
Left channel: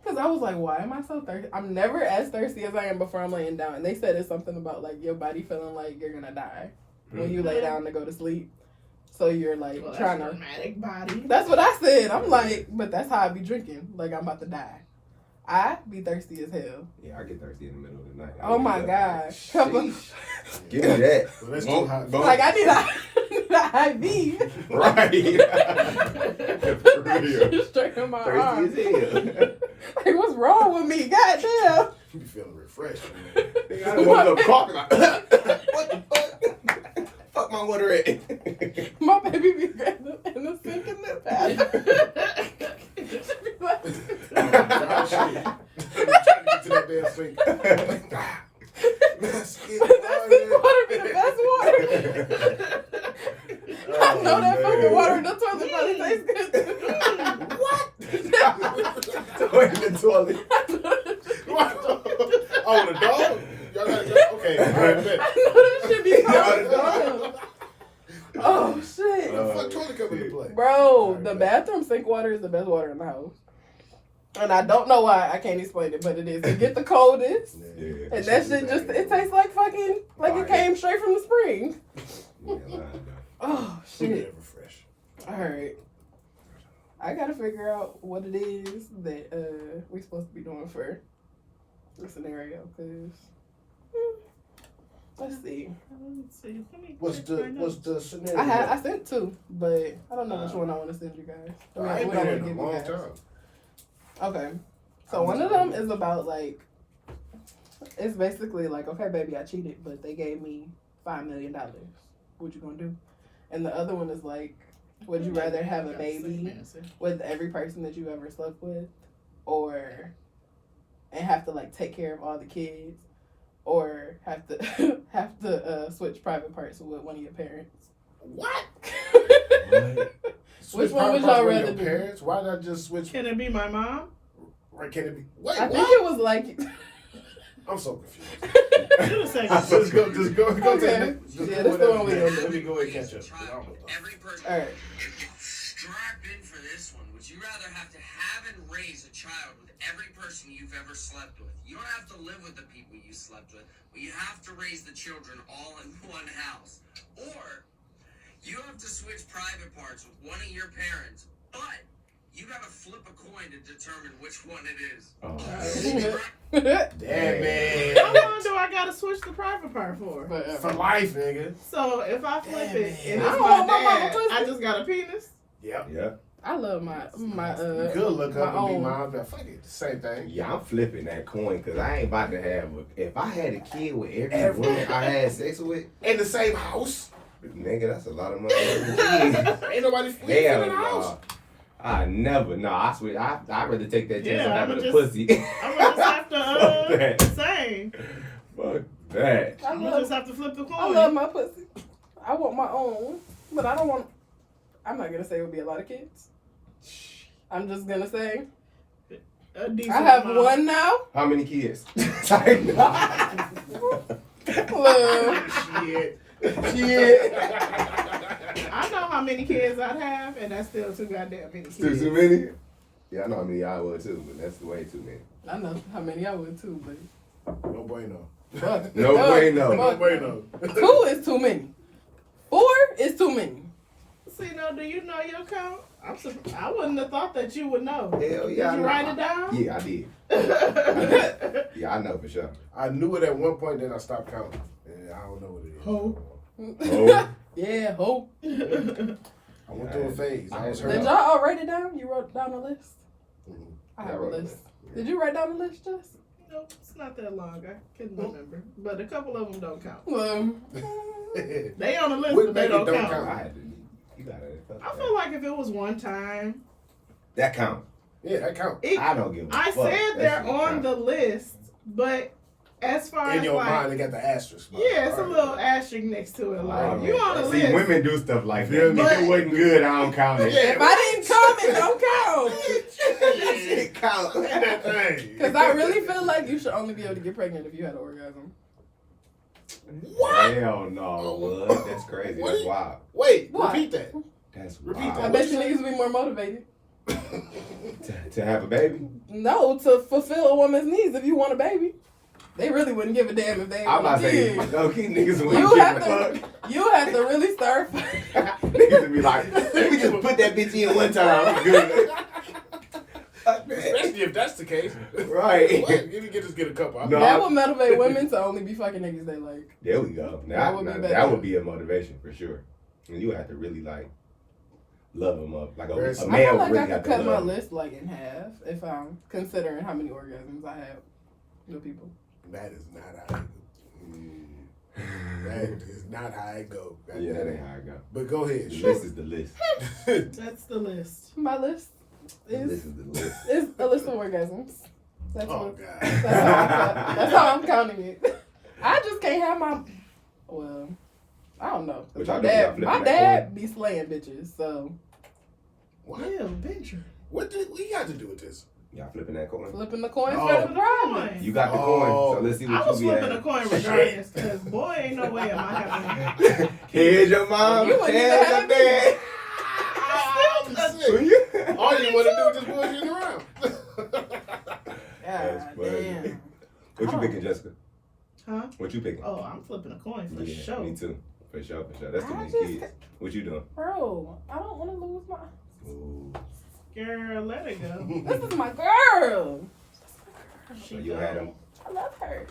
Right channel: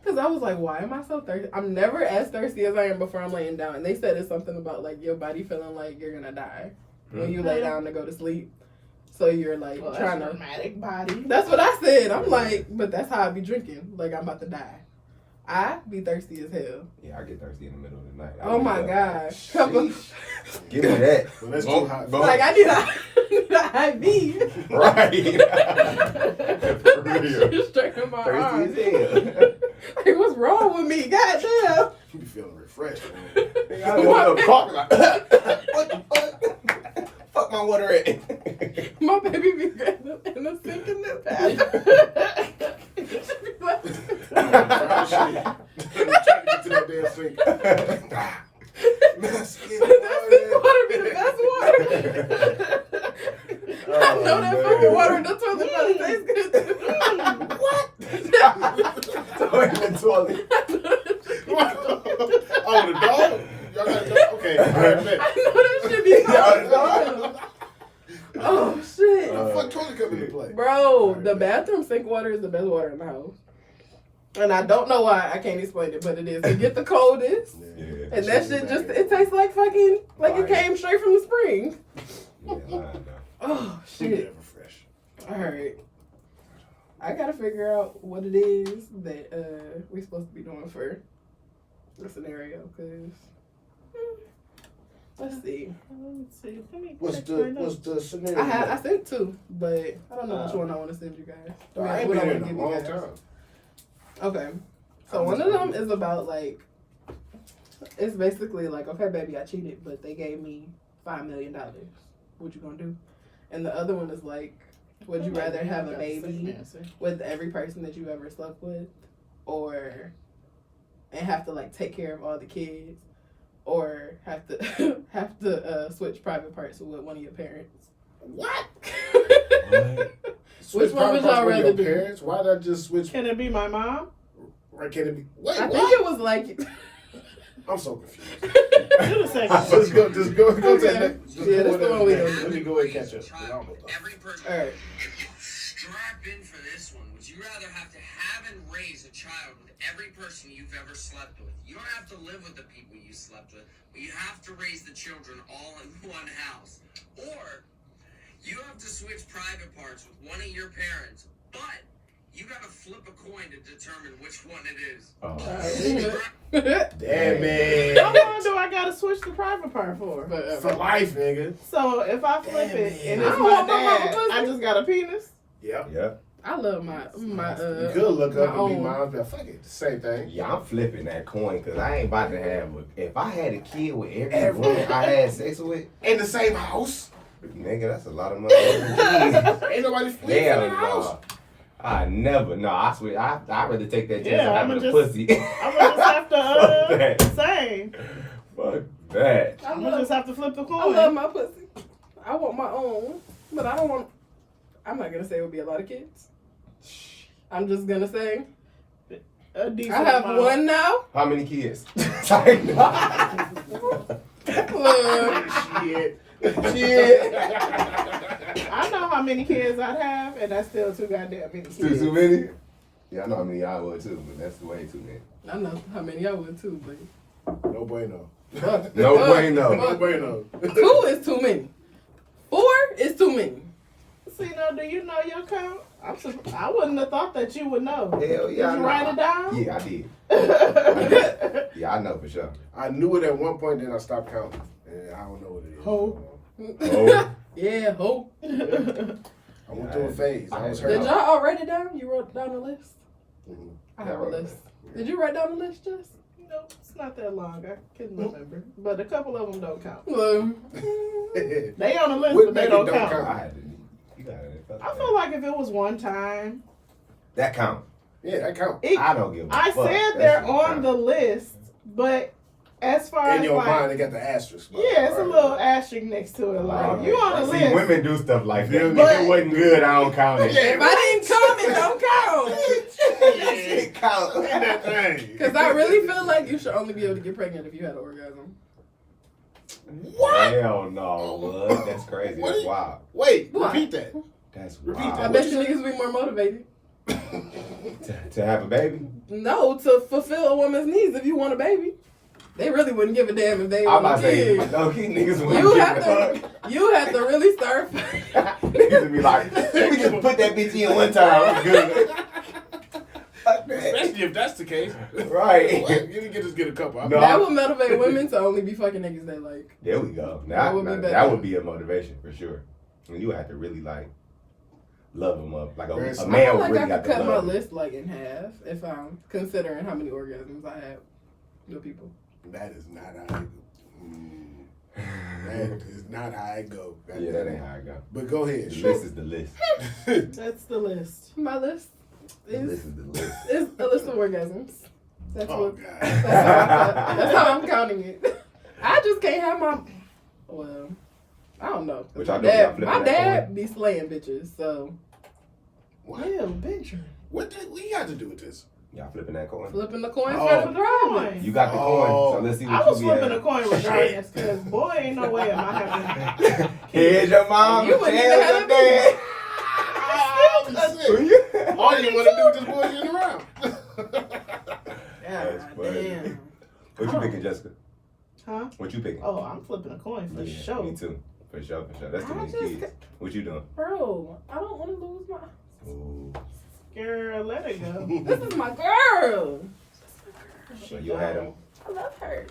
Because I was like, why am I so thirsty? I'm never as thirsty as I am before I'm laying down. And they said it's something about like your body feeling like you're going to die when you lay down to go to sleep. So you're like Well, trying that's to. dramatic body. That's what I said. I'm like, but that's how I be drinking. Like I'm about to die. I be thirsty as hell. Yeah, I get thirsty in the middle of the night. Oh my gosh. Couple, Give me that. Well, let's do hot. like I need a IV. Right. For real. Straight in my Thirsty arm. as hell. Like what's wrong with me? God damn. You be feeling refreshed, man. I don't want no coffee. Like, what the fuck? Fuck my water at. My baby be grabbing in the sink in the bathroom. I'm trying to get to that damn sink. That sink water be the best water. I know that fucking water in the toilet probably tastes good. What? Toilet, toilet. Oh, the dog? Y'all got a dog? Okay, all right, bet. I know that shit be Yeah, so Oh shit. What the fuck toilet come into play? Bro, the bathroom sink water is the best water in the house. And I don't know why, I can't explain it, but it is. It get the coldest. Yeah. And that shit just, it tastes like fucking, like it came straight from the spring. Yeah, lying though. Oh, She get shit. refreshed. Alright. I gotta figure out what it is that we supposed to be doing for the scenario, because let's see. Let's see. Let me What's check the my notes. scenario? I sent two, but I don't know which one I want to send you guys. I ain't what I been here wanna in a give you long guys. time. Okay. So one of them is about like, it's basically like, okay, baby, I cheated, but they gave me $5 million. What you gonna do? And the other one is like, would you rather have a baby with every person that you ever slept with, or and have to like take care of all the kids, or have to switch private parts with one of your parents? What? Which one would y'all rather do? Parents? Why did I just switch? Can it be my mom? Right? Can it be? Wait, I what? think it was like. I'm so confused. Do the second. Just go to Okay. the next. Just Yeah, go that's to the one we next. gonna do. Let me go ahead and catch up. I don't know. Every person. All right. Strap in for this one. Would you rather have to have and raise a child with every person you've ever slept with? You don't have to live with the people you slept with, but you have to raise the children all in one house. Or you have to switch private parts with one of your parents, but you gotta flip a coin to determine which one it is. Oh, Damn, man. How long do I gotta switch the private part for? For life, nigga. So if I flip Damn, it man. and I it's don't my want my mama dad, pussy. I just got a penis. Yep. yeah. I love my You could look my up and be own. mom, but fuck it, the same thing. Yeah, I'm flipping that coin because I ain't about to have. If I had a kid with every woman I had sex with, In the same house. nigga, that's a lot of money. Every kid. Ain't nobody flipping in Hell the house. no. I never. No, I swear. I'd rather take that chance Yeah, of I'ma having a just- pussy. I'm gonna just have Fuck to that. say. Fuck that. I I'm gonna love, just have to flip the coin. I love my pussy. I want my own, but I don't want. I'm not gonna say it would be a lot of kids. I'm just gonna say A decent I have amount. one now. How many kids? Look, Shit. Shit. I know how many kids I'd have, and that's still too goddamn many kids. Too many? Yeah, I know how many I would too, but that's way too many. I know how many I would too, but No bueno. No way, no. No bueno. 2 is too many. 4 is too many. See, no, do you know your count? I wouldn't have thought that you would know. Hell yeah. Did you write it down? Yeah, I did. Yeah, I know for sure. I knew it at one point, then I stopped counting. And I don't know what it is. Ho. Oh, Yeah, hope. I went through a phase. I was Did hurt. y'all all write it down? You wrote down the list? Mhm. I have a wrote it list. down. Did you write down the list, Jess? Nope, it's not that long. I couldn't remember. But a couple of them don't count. They on the list, What but they make it don't don't count. count? I had to. You got it. I feel like if it was one time, That count. Yeah, that count. I don't give a I fuck. said That they're shit on count. the list, but as far In as your like, mind, they got the asterisk. yeah, it's a little asterisk next to it. Like Oh, you on the See, list. women do stuff like Feel that. me? If it wasn't good, I don't count it. Yeah. If I didn't come, it don't count. That shit count. That thing. Because I really feel like you should only be able to get pregnant if you had an orgasm. What? Hell no, bud. That's crazy. What? That's wild. Wait, What? repeat that. That's Repeat wild. I that. bet you niggas would be more motivated. To have a baby? No, to fulfill a woman's needs if you want a baby. They really wouldn't give a damn if they I'm want about a to say, kid. no, kid niggas You wouldn't have give a to, fuck. you have to really start. Niggas would be like, let me just put that bitch in one time. I'm good. Fuck that. Especially if that's the case. Right. What? You can just get a couple. No. That would motivate women to only be fucking niggas they like. There we go. That Now, would be that better. would be a motivation for sure. And you have to really like love them up. Like a There's- I man feel like really I got could to cut my love them. list like in half if I'm considering how many orgasms I have with people. That is not how it That is not how it go. Yeah, that ain't how I go. But go ahead. The list is the list. That's the list. My list The is list is the list. a list of orgasms. That's Oh what. God. That's how I'm counting it. I just can't have my. Well, I don't know. Which My I know y'all dad, flipping my that dad be slaying bitches, so What? Yeah, venture. What you got to do with this? Y'all flipping that coin? flipping the coin Oh. for the drama. You got the Oh. coin, so let's see I what was you be flipping a at. coin regardless, because boy, ain't no way am I having. Here's your mom, You wouldn't even here's have your it. dad. That's Who it. you- All you want to do is just bullshit around. That's God funny. damn. What you Oh. picking, Jessica? Huh? What you picking? Oh, I'm flipping a coin for Yeah, sure. Me too. For sure, for sure. That's too I many just- kids. What you doing? Bro, I don't want to lose my. Ooh. Girl, let it go. This is my girl. So you had them. I love her.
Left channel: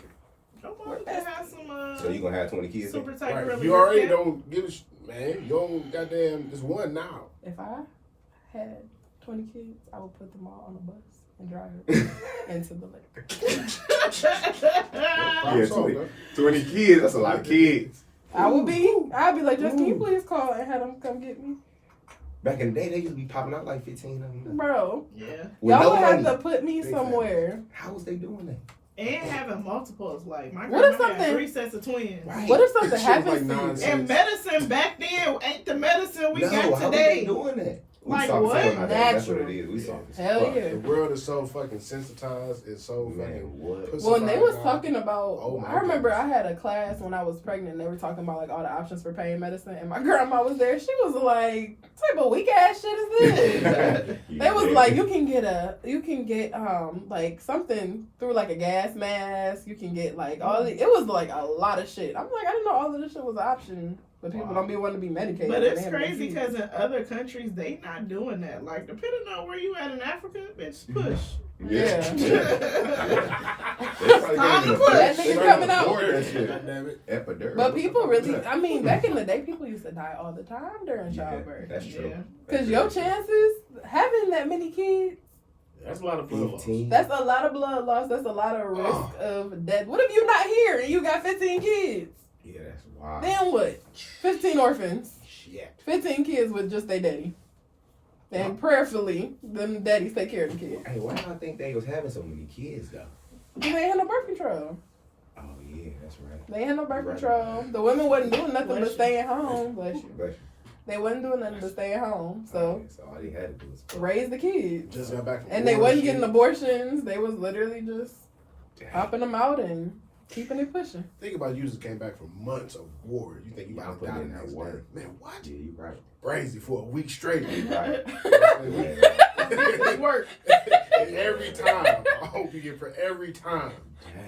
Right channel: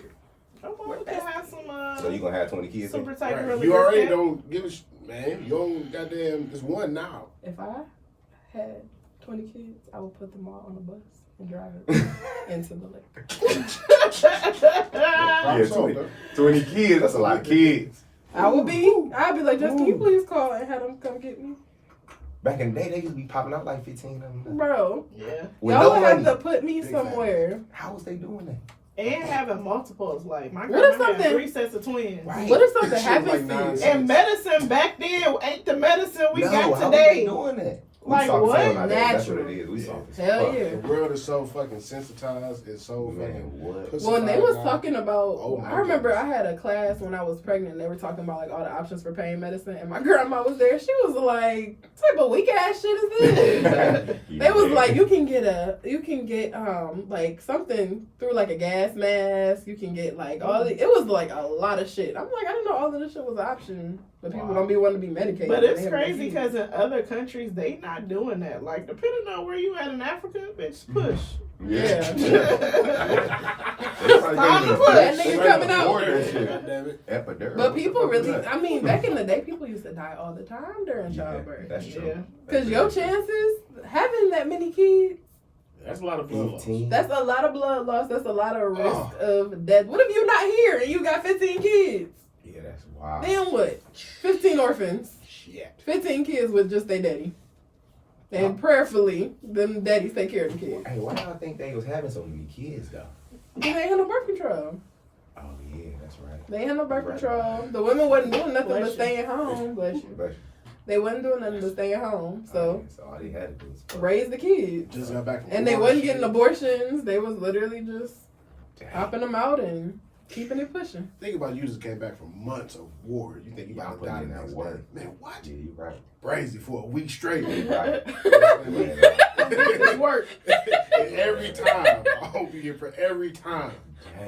Come on, we can have some So you gonna have 20 kids? super tight Right. really You good already cat. don't give a man. You don't goddamn. There's one now. If I had 20 kids, I would put them all on a bus and drive it into the lake. Yeah, 20 kids. That's a lot of kids. I'd be like, just can you please call and have them come get me? Back in the day, they used to be popping out like 15 of them. Bro, Yeah. With y'all no would have money. to put me Big somewhere. How was they doing that? And having multiples. Like, my What if grandma had something- 3 sets of twins. Right. What if something Shit was happens like to 9 you? cents. And medicine back then ain't the medicine we no, got how was today. they doing that? Like soft what? selling out there. That's what Natural. it is. We soft as Hell fuck. yeah. The world is so fucking sensitized. It's so Man, fucking. what? pussy- When they was now. talking about, Oh my I remember goodness. I had a class when I was pregnant and they were talking about like all the options for pain medicine and my grandma was there. She was like, what type of weak ass shit is this? They was like, you can get like something through like a gas mask. You can get like all the, it was like a lot of shit. I'm like, I didn't know all of this shit was an option, but people don't be wanting to be medicated. But when it's they have a crazy disease. because in other countries, they not doing that. Like, depending on where you at in Africa, bitch, push. Yeah. That nigga coming out. Damn it. Epidural. But people What the fuck really, is that? I mean, back in the day, people used to die all the time during Yeah, childbirth. that's true. Yeah. Because your chances having that many kids, That's a lot of blood loss. 18. that's a lot of blood loss. That's a lot of risk of death. What if you're not here and you got 15 kids? Yeah, that's wild. Then what? 15 orphans. Shit. 15 kids with just their daddy. And prayerfully, them daddies take care of the kids. Hey, why y'all think they was having so many kids though? They ain't had no birth control. Oh yeah, that's right. They ain't had no birth Right. control. The women wasn't doing nothing Bless but you. staying home. Bless you. But They wasn't doing nothing but staying home. So so all they had to do was raise the kids. Just got back from And they war wasn't shit. getting abortions. They was literally just Dang. popping them out and keeping it pushing. Think about you just came back from months of war. You think you Y'all about to die putting in the that next work. day. Man, what? Yeah, you right. Crazy for a week straight. You right. It's work. And every time. I hope you get for every time.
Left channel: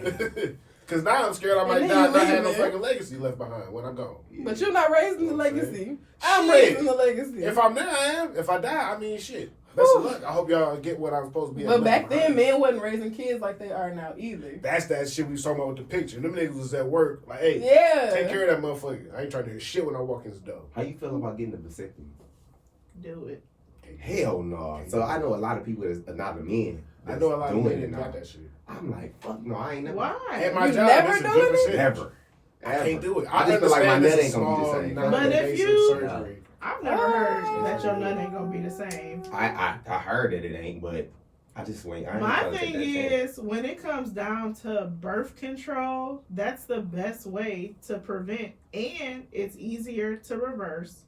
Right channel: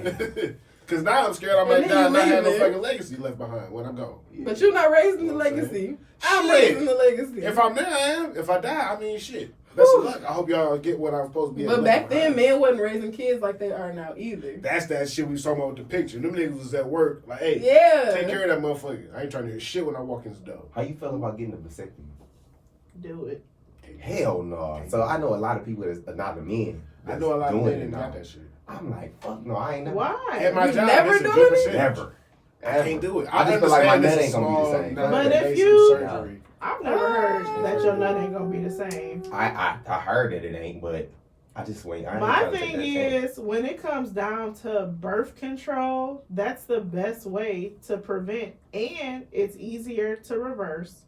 Dang. Because now I'm scared I And might then die and you not have no leaving. fucking legacy left behind when I'm gone. But you're not raising the You know what I'm legacy. I'm Shit. raising the legacy. If I'm there, I am. If I die, I mean, shit. Best of luck. I hope y'all get what I'm supposed to be. But left back then, behind. men wasn't raising kids like they are now either. That's that shit we was talking about with the picture. Them niggas was at work, like, hey, Yeah. take care of that motherfucker. I ain't trying to hear shit when I walk in the door. How you feel about getting a vasectomy? Do it. Hell no. So I know a lot of people that's not the men. I know a lot of doing men it that now. got that shit. I'm like, fuck no, I ain't never. Why? At my You job, never that's a doing good it? percentage. Never. I can't do it. I just feel like my understand nut it's a ain't gonna be the small, same. non-invasive But if you- surgery. I've never heard that your nut ain't gonna be the same. I heard that it ain't, but I just wait. I ain't My trying to take thing that chance. is, when it comes down to birth control, that's the best way to prevent, and it's easier to reverse.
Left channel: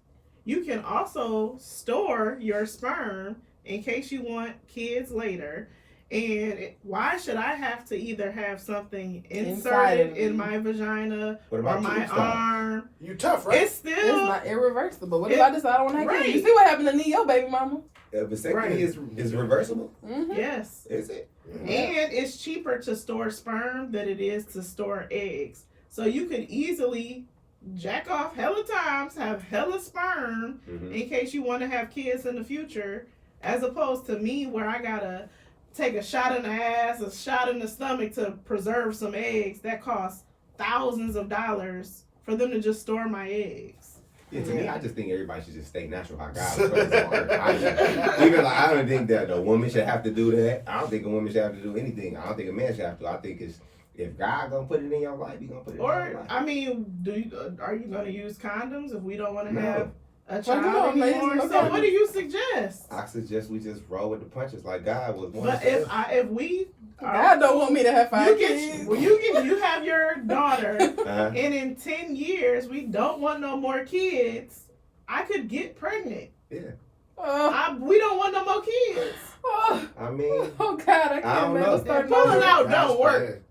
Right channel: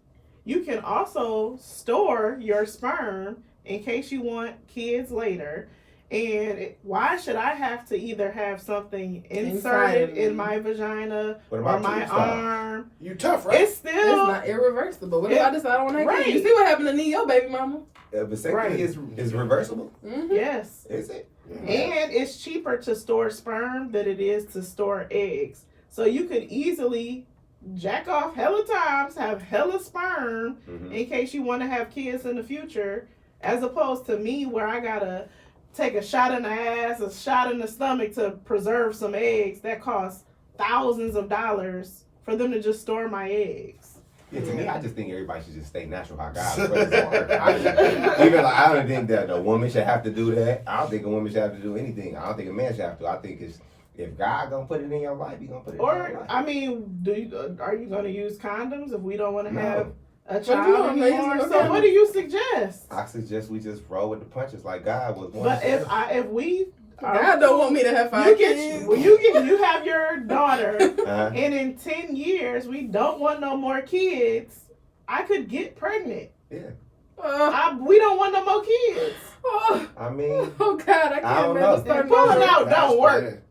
You can also store your sperm in case you want kids later. And why should I have to either have something Inside inserted of in me. my vagina What or about my tube style? arm? You tough, right? It's It's still not irreversible. What if It- I decide I want to have right. kids? You see what happened to Neo, baby mama? Vasectomy Right. is reversible. Mm-hmm. yes. Is it? And it's cheaper to store sperm than it is to store eggs. So you could easily jack off hella times, have hella sperm Mhm. in case you want to have kids in the future, as opposed to me where I gotta take a shot in the ass, a shot in the stomach to preserve some eggs that costs thousands of dollars for them to just store my eggs. Yeah, to me, I just think everybody should just stay natural how God put us on earth. Even like, I don't think that a woman should have to do that. I don't think a woman should have to do anything. I don't think a man should have to. I think it's if God gonna put it in your life, He gonna put it in your Or life. I mean, are you gonna use condoms if we don't want to No. have a you child want, anymore? ladies? So what do you suggest? I suggest we just roll with the punches like God was. But if we God don't want me to have 5 you kids. you have your daughter, Uh-huh. and in 10 years we don't want no more kids, I could get pregnant. We don't want no more kids. I mean, Oh God, I I can't don't remember know. start Pulling over. out don't work.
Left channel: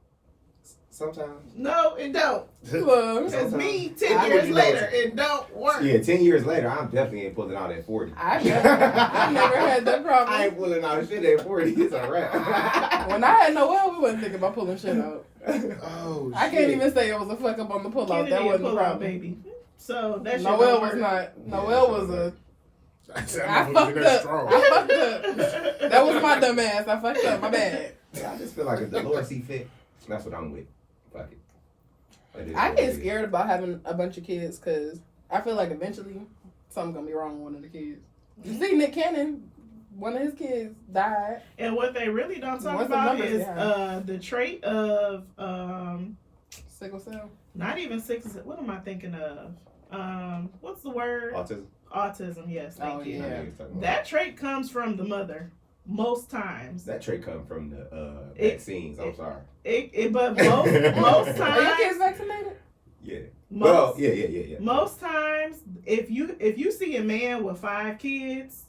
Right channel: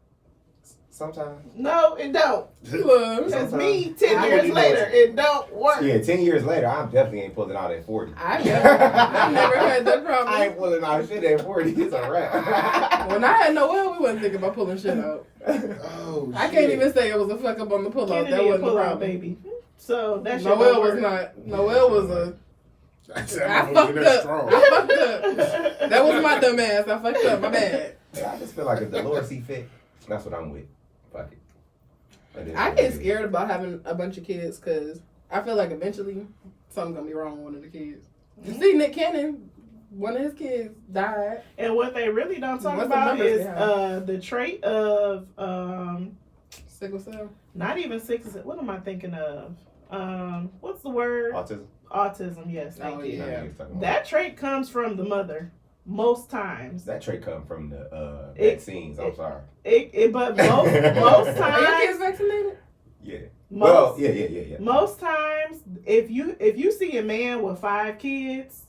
sometimes. No, it don't. Look, Because me, 10 I years wouldn't later, know. it don't work. Yeah, 10 years later, I'm definitely ain't pulling out at 40. I never had that I problem. ain't pulling out shit at 40. It's a wrap. When I had Noel, we wasn't thinking about pulling shit out. Oh, I can't even say it was a fuck up on the pull out. Kennedy That a wasn't the pull-out problem. baby. So that shit Noel don't was work. not. Noel was a. I I fucked up. I fucked up. That was my dumb ass. I fucked up. My bad. Yeah, I just feel like if the Lord see fit, that's what I'm with. Fuck it. That is I what get it is. scared about having a bunch of kids because I feel like eventually something's gonna be wrong with one of the kids. You see, Nick Cannon, one of his kids died. And what they really don't talk What's the about numbers is they have? the trait of Sickle cell. not even six. What am I thinking of? What's the word? Autism. Autism. Yes, thank Oh, you. I know yeah. what you're talking about. That trait comes from the mother most times. That trait come from the It- vaccines. I'm sorry. But most most Are your kids times, vaccinated? Yeah. most, Well, yeah. most times, if you see a man with 5 kids,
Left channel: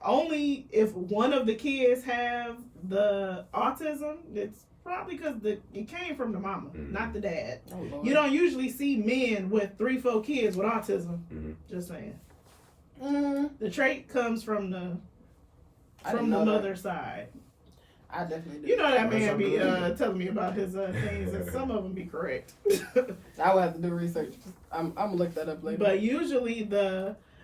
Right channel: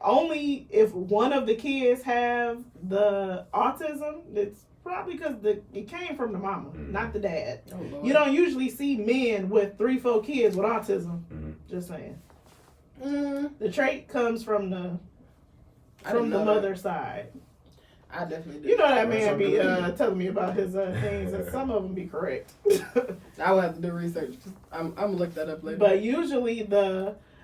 only if one of the kids have the autism, it's probably because it came from the mama, Mhm. not the dad. Oh, Lord. You don't usually see men with 3-4 kids with autism. Mhm. Just saying. Mm, The trait comes from the I didn't know that. mother's side. I definitely do. You know that That's man be something. telling me about his things, and some of them be correct. I will have to do research. I'm gonna look that up later. But usually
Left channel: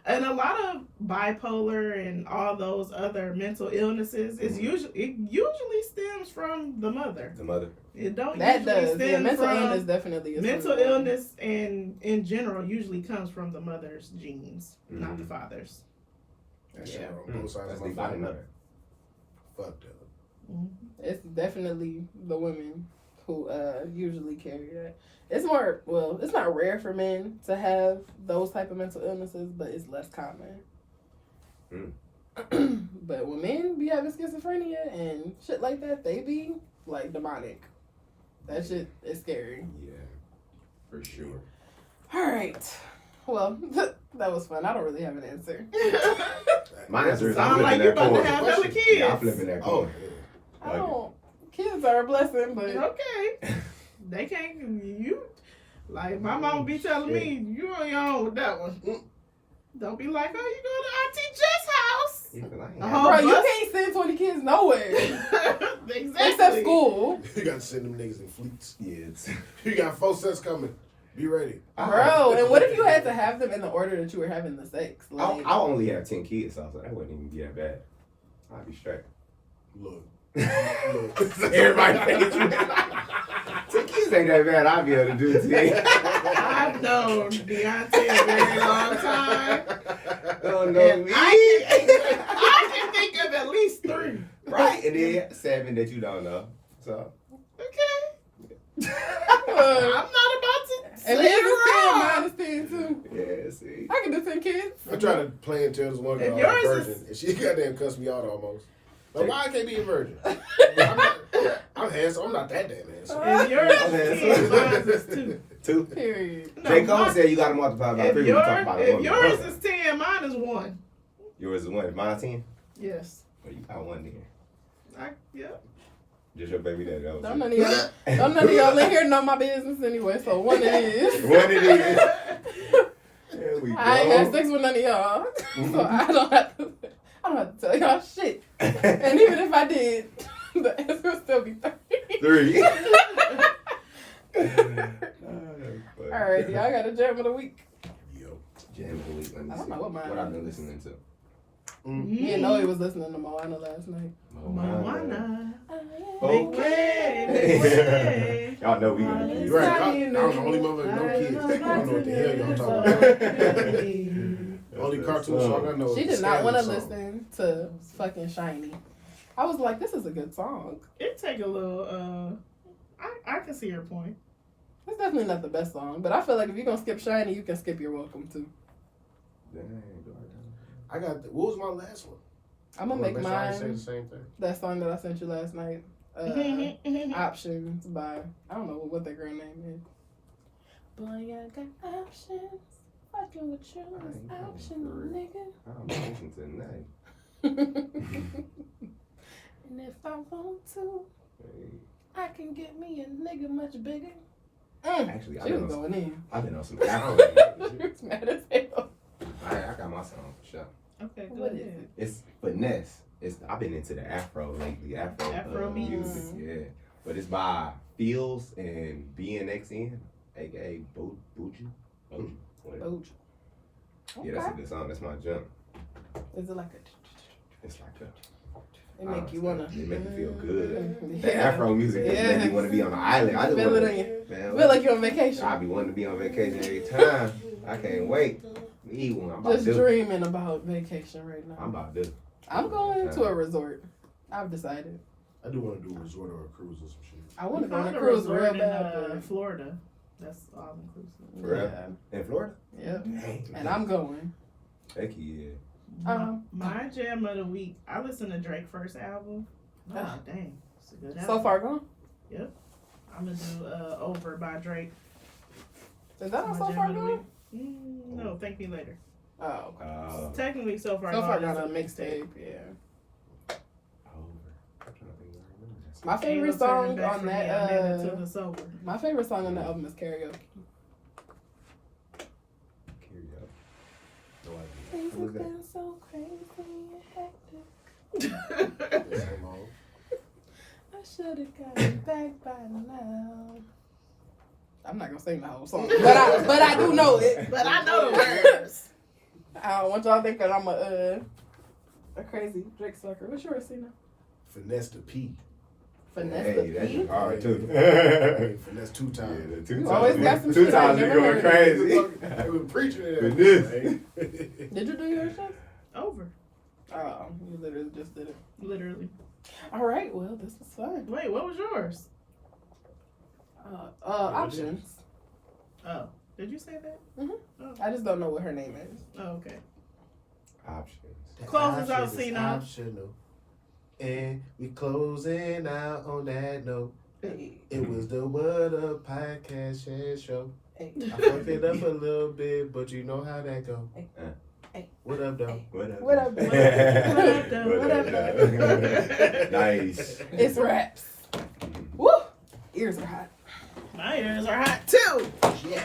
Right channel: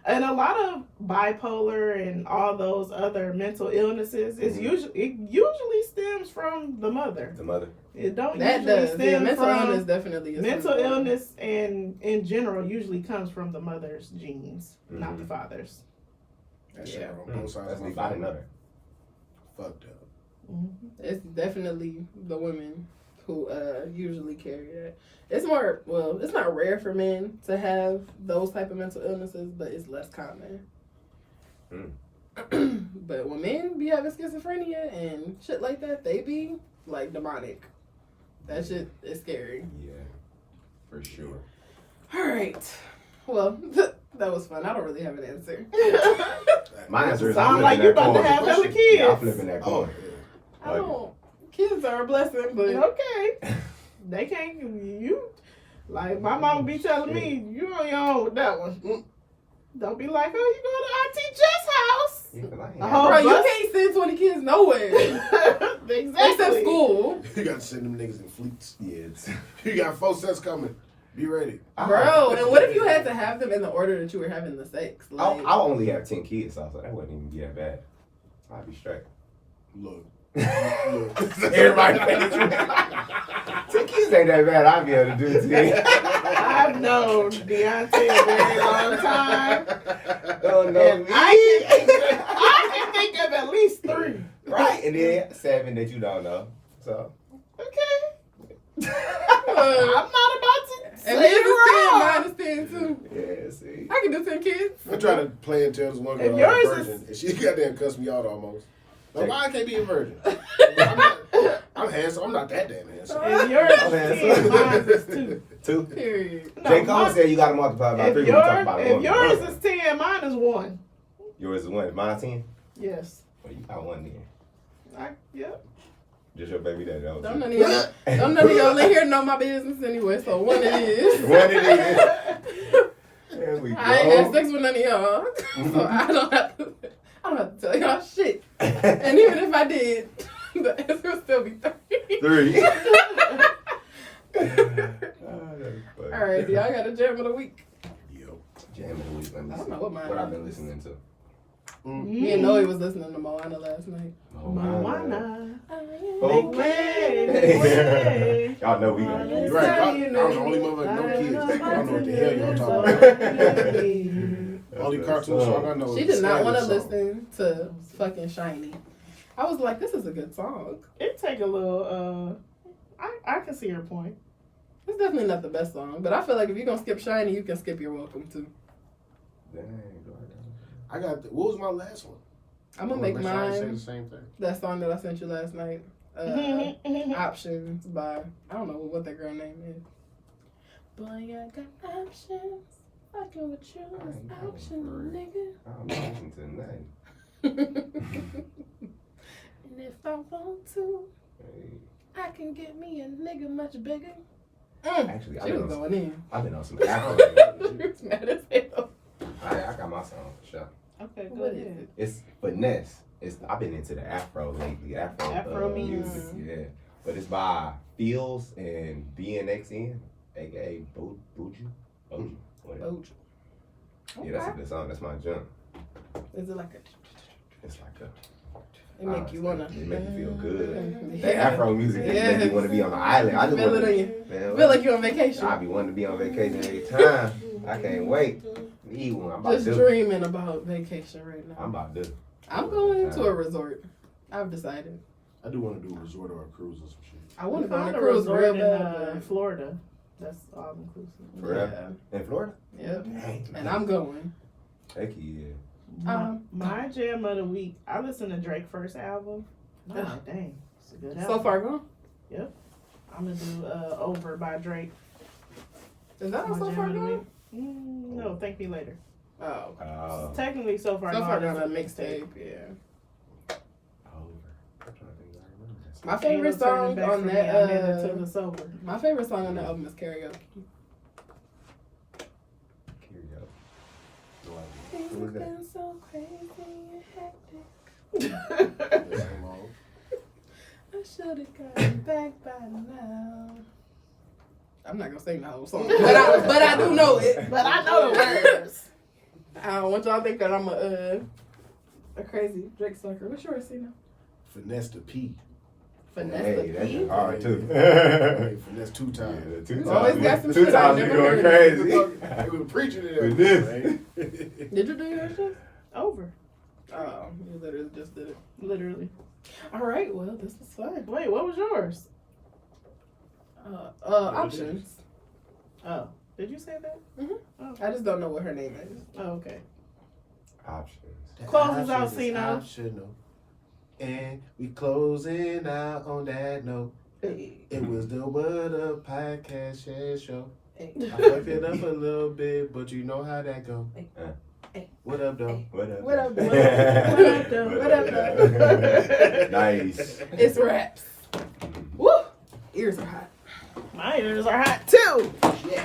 and a lot of bipolar and all those other mental illnesses is usually stems from the mother. The mother. It don't that usually does. stem Yeah, mental from illness definitely is. mental from the mother. illness, and in general usually comes from the mother's genes, not Mhm. the father's. That shit Yeah. on both sides That's of my deep. I didn't know family. that. Fucked up. It's definitely the women who usually carry that. It's more, well, it's not rare for men to have those type of mental illnesses, but it's less common. But when men be having schizophrenia and shit like that, they be like demonic. That shit is scary. Yeah, for sure. All right. Well, that was fun. I don't really have an answer. My answer is Sound I'm like flipping you that about to coin. have them kids. Yeah, I'm flipping that Oh, coin. yeah. I don't. Kids are a blessing, but Okay. They can't. You like my mama be telling me you on your own with that one. Don't be like, oh, you go to Auntie Jess' house. Yeah, 'cause I ain't The got whole bro, you bus- can't send 20 kids nowhere Exactly. except school, You got to send them niggas in fleets. Yeah, it's, You got 4 sets coming. Be ready. bro. And what if you had to have them in the order that you were having the sex? Like, I'll only have 10 kids, so that wouldn't even be that bad. I'll be straight. Look. Everybody thinks 10 kids ain't that bad. I'll be able to do it today. I've known Deontay a very long time. Don't know And me. I can think of at least 3. Right, and then 7 that you don't know. So. Okay. I'm not about to and say his is 10, it wrong. mine is 10 too. Yeah, see. I can do 10 kids. I'm trying to play and tell this one If girl I'm a yours virgin, and she goddamn cussed me out almost. But Take- why I can't be a virgin? I'm handsome. I'm not that damn handsome. If yours Okay, is 10, so- mine is 2. 2. Period. No, J. Cole mine- said you got to multiply by 3 when you talk about a If woman. yours is 10, mine is 1. Yours is 1. Mine 10? Yes. Well, you got 1 then. Yep. Just your baby daddy. That was Don't it. none of y'all in here know my business anyway, so one it is. One it is. There we go. I ain't had sex with none of y'all, so I don't have to tell y'all shit. And even if I did, the answer would still be 3. 3. All right, y'all got a jam of the week. Yo. Jam of the week. Let me I don't see. know what mine What I've been is. listening to. Me and Noe was listening to Moana last night. Moana. Okay. Y'all know we got kids. Right. I'm the only motherfucker no kids. I don't know what the hell y'all talking about. Only cartoon song I know is She the did not want to Scandal song. listen to fucking Shiny. I was like, this is a good song. It take a little. I can see your point. It's definitely not the best song, but I feel like if you're gonna skip Shiny, you can skip You're Welcome too. Dang, I got. What was my last one? I'm gonna make Say mine the same thing. that song that I sent you last night. Options by I don't know what that girl name is. Boy, I got options. Fucking with you is optional, nigga. I'm not listening to nothing. And if I want to, Hey. I can get me a nigga much bigger. Actually, She was going in. I've been on some Afro. She was mad as hell. I got my song for sure. Okay, What is good. it? It's finesse. I've been into the Afro lately. Afro music, yeah. But it's by Fields and BNXN, aka Buju. Whatever. Bojo. Yeah, that's a good song. That's my jump. Is it like a? It's like a. It make you wanna. It make you feel good. Yeah. The Afro music just make me want to be on the island. I just Feel want it on to. you. Man, Feel like you're on vacation. I be wanting to be on vacation every time. I can't wait. Need one. I'm about Just to do. dreaming about vacation right now. I'm about to do. I'm going to a resort. I've decided. I do want to do a resort or a cruise or some shit. I want to We go on found a a cruise resort real in bad. Florida. That's all inclusive. For real? In Florida? Yeah. Dang. And I'm going. Heck yeah. My jam of the week. I listened to Drake's first album. Oh, dang. It's a good album. So far gone? I'm going to do Over by Drake. Is that My on So jam Far of the Gone? week. No, Thank Me Later. Oh, okay. Technically, So Far So Gone Far is Gone a on mixtape, yeah. Over. I'm trying to think where I remember that. My favorite Ain't no turning song back on for me. that, I made it till it's over. my favorite song on the album is Karaoke. Karaoke. No idea. Things Who is have that? been so crazy and hectic. The same old. I should have gotten back by now. I'm not gonna sing the whole song, but I do know it. But I know the words. I don't want y'all thinking I'm a crazy Drake sucker. What's yours, Cena? Finesse the P. Finesse Hey, the that's P. hard too. Hey, finesse 2 times. Yeah, 2 You always got times. some 2 shit times I've you never going heard. crazy. We were preaching it. Finesse. Did you do your shit? Over. Oh, you literally just did it. Literally. All right, well, this was fun. Wait, what was yours? Options. Oh. Did you say that? I just don't know what her name is. Oh, okay. Options. The Close us out, option is Cena. optional. And we closing out on that note. Hey, It was the What Up Podcast Share Show. hey. I fucked it up a little bit, but you know how that go. Hey. What up, though? What up? What up, though? what up, though? What up, though? Nice. It's raps. Woo! Ears are hot. My ears are hot too. Shit.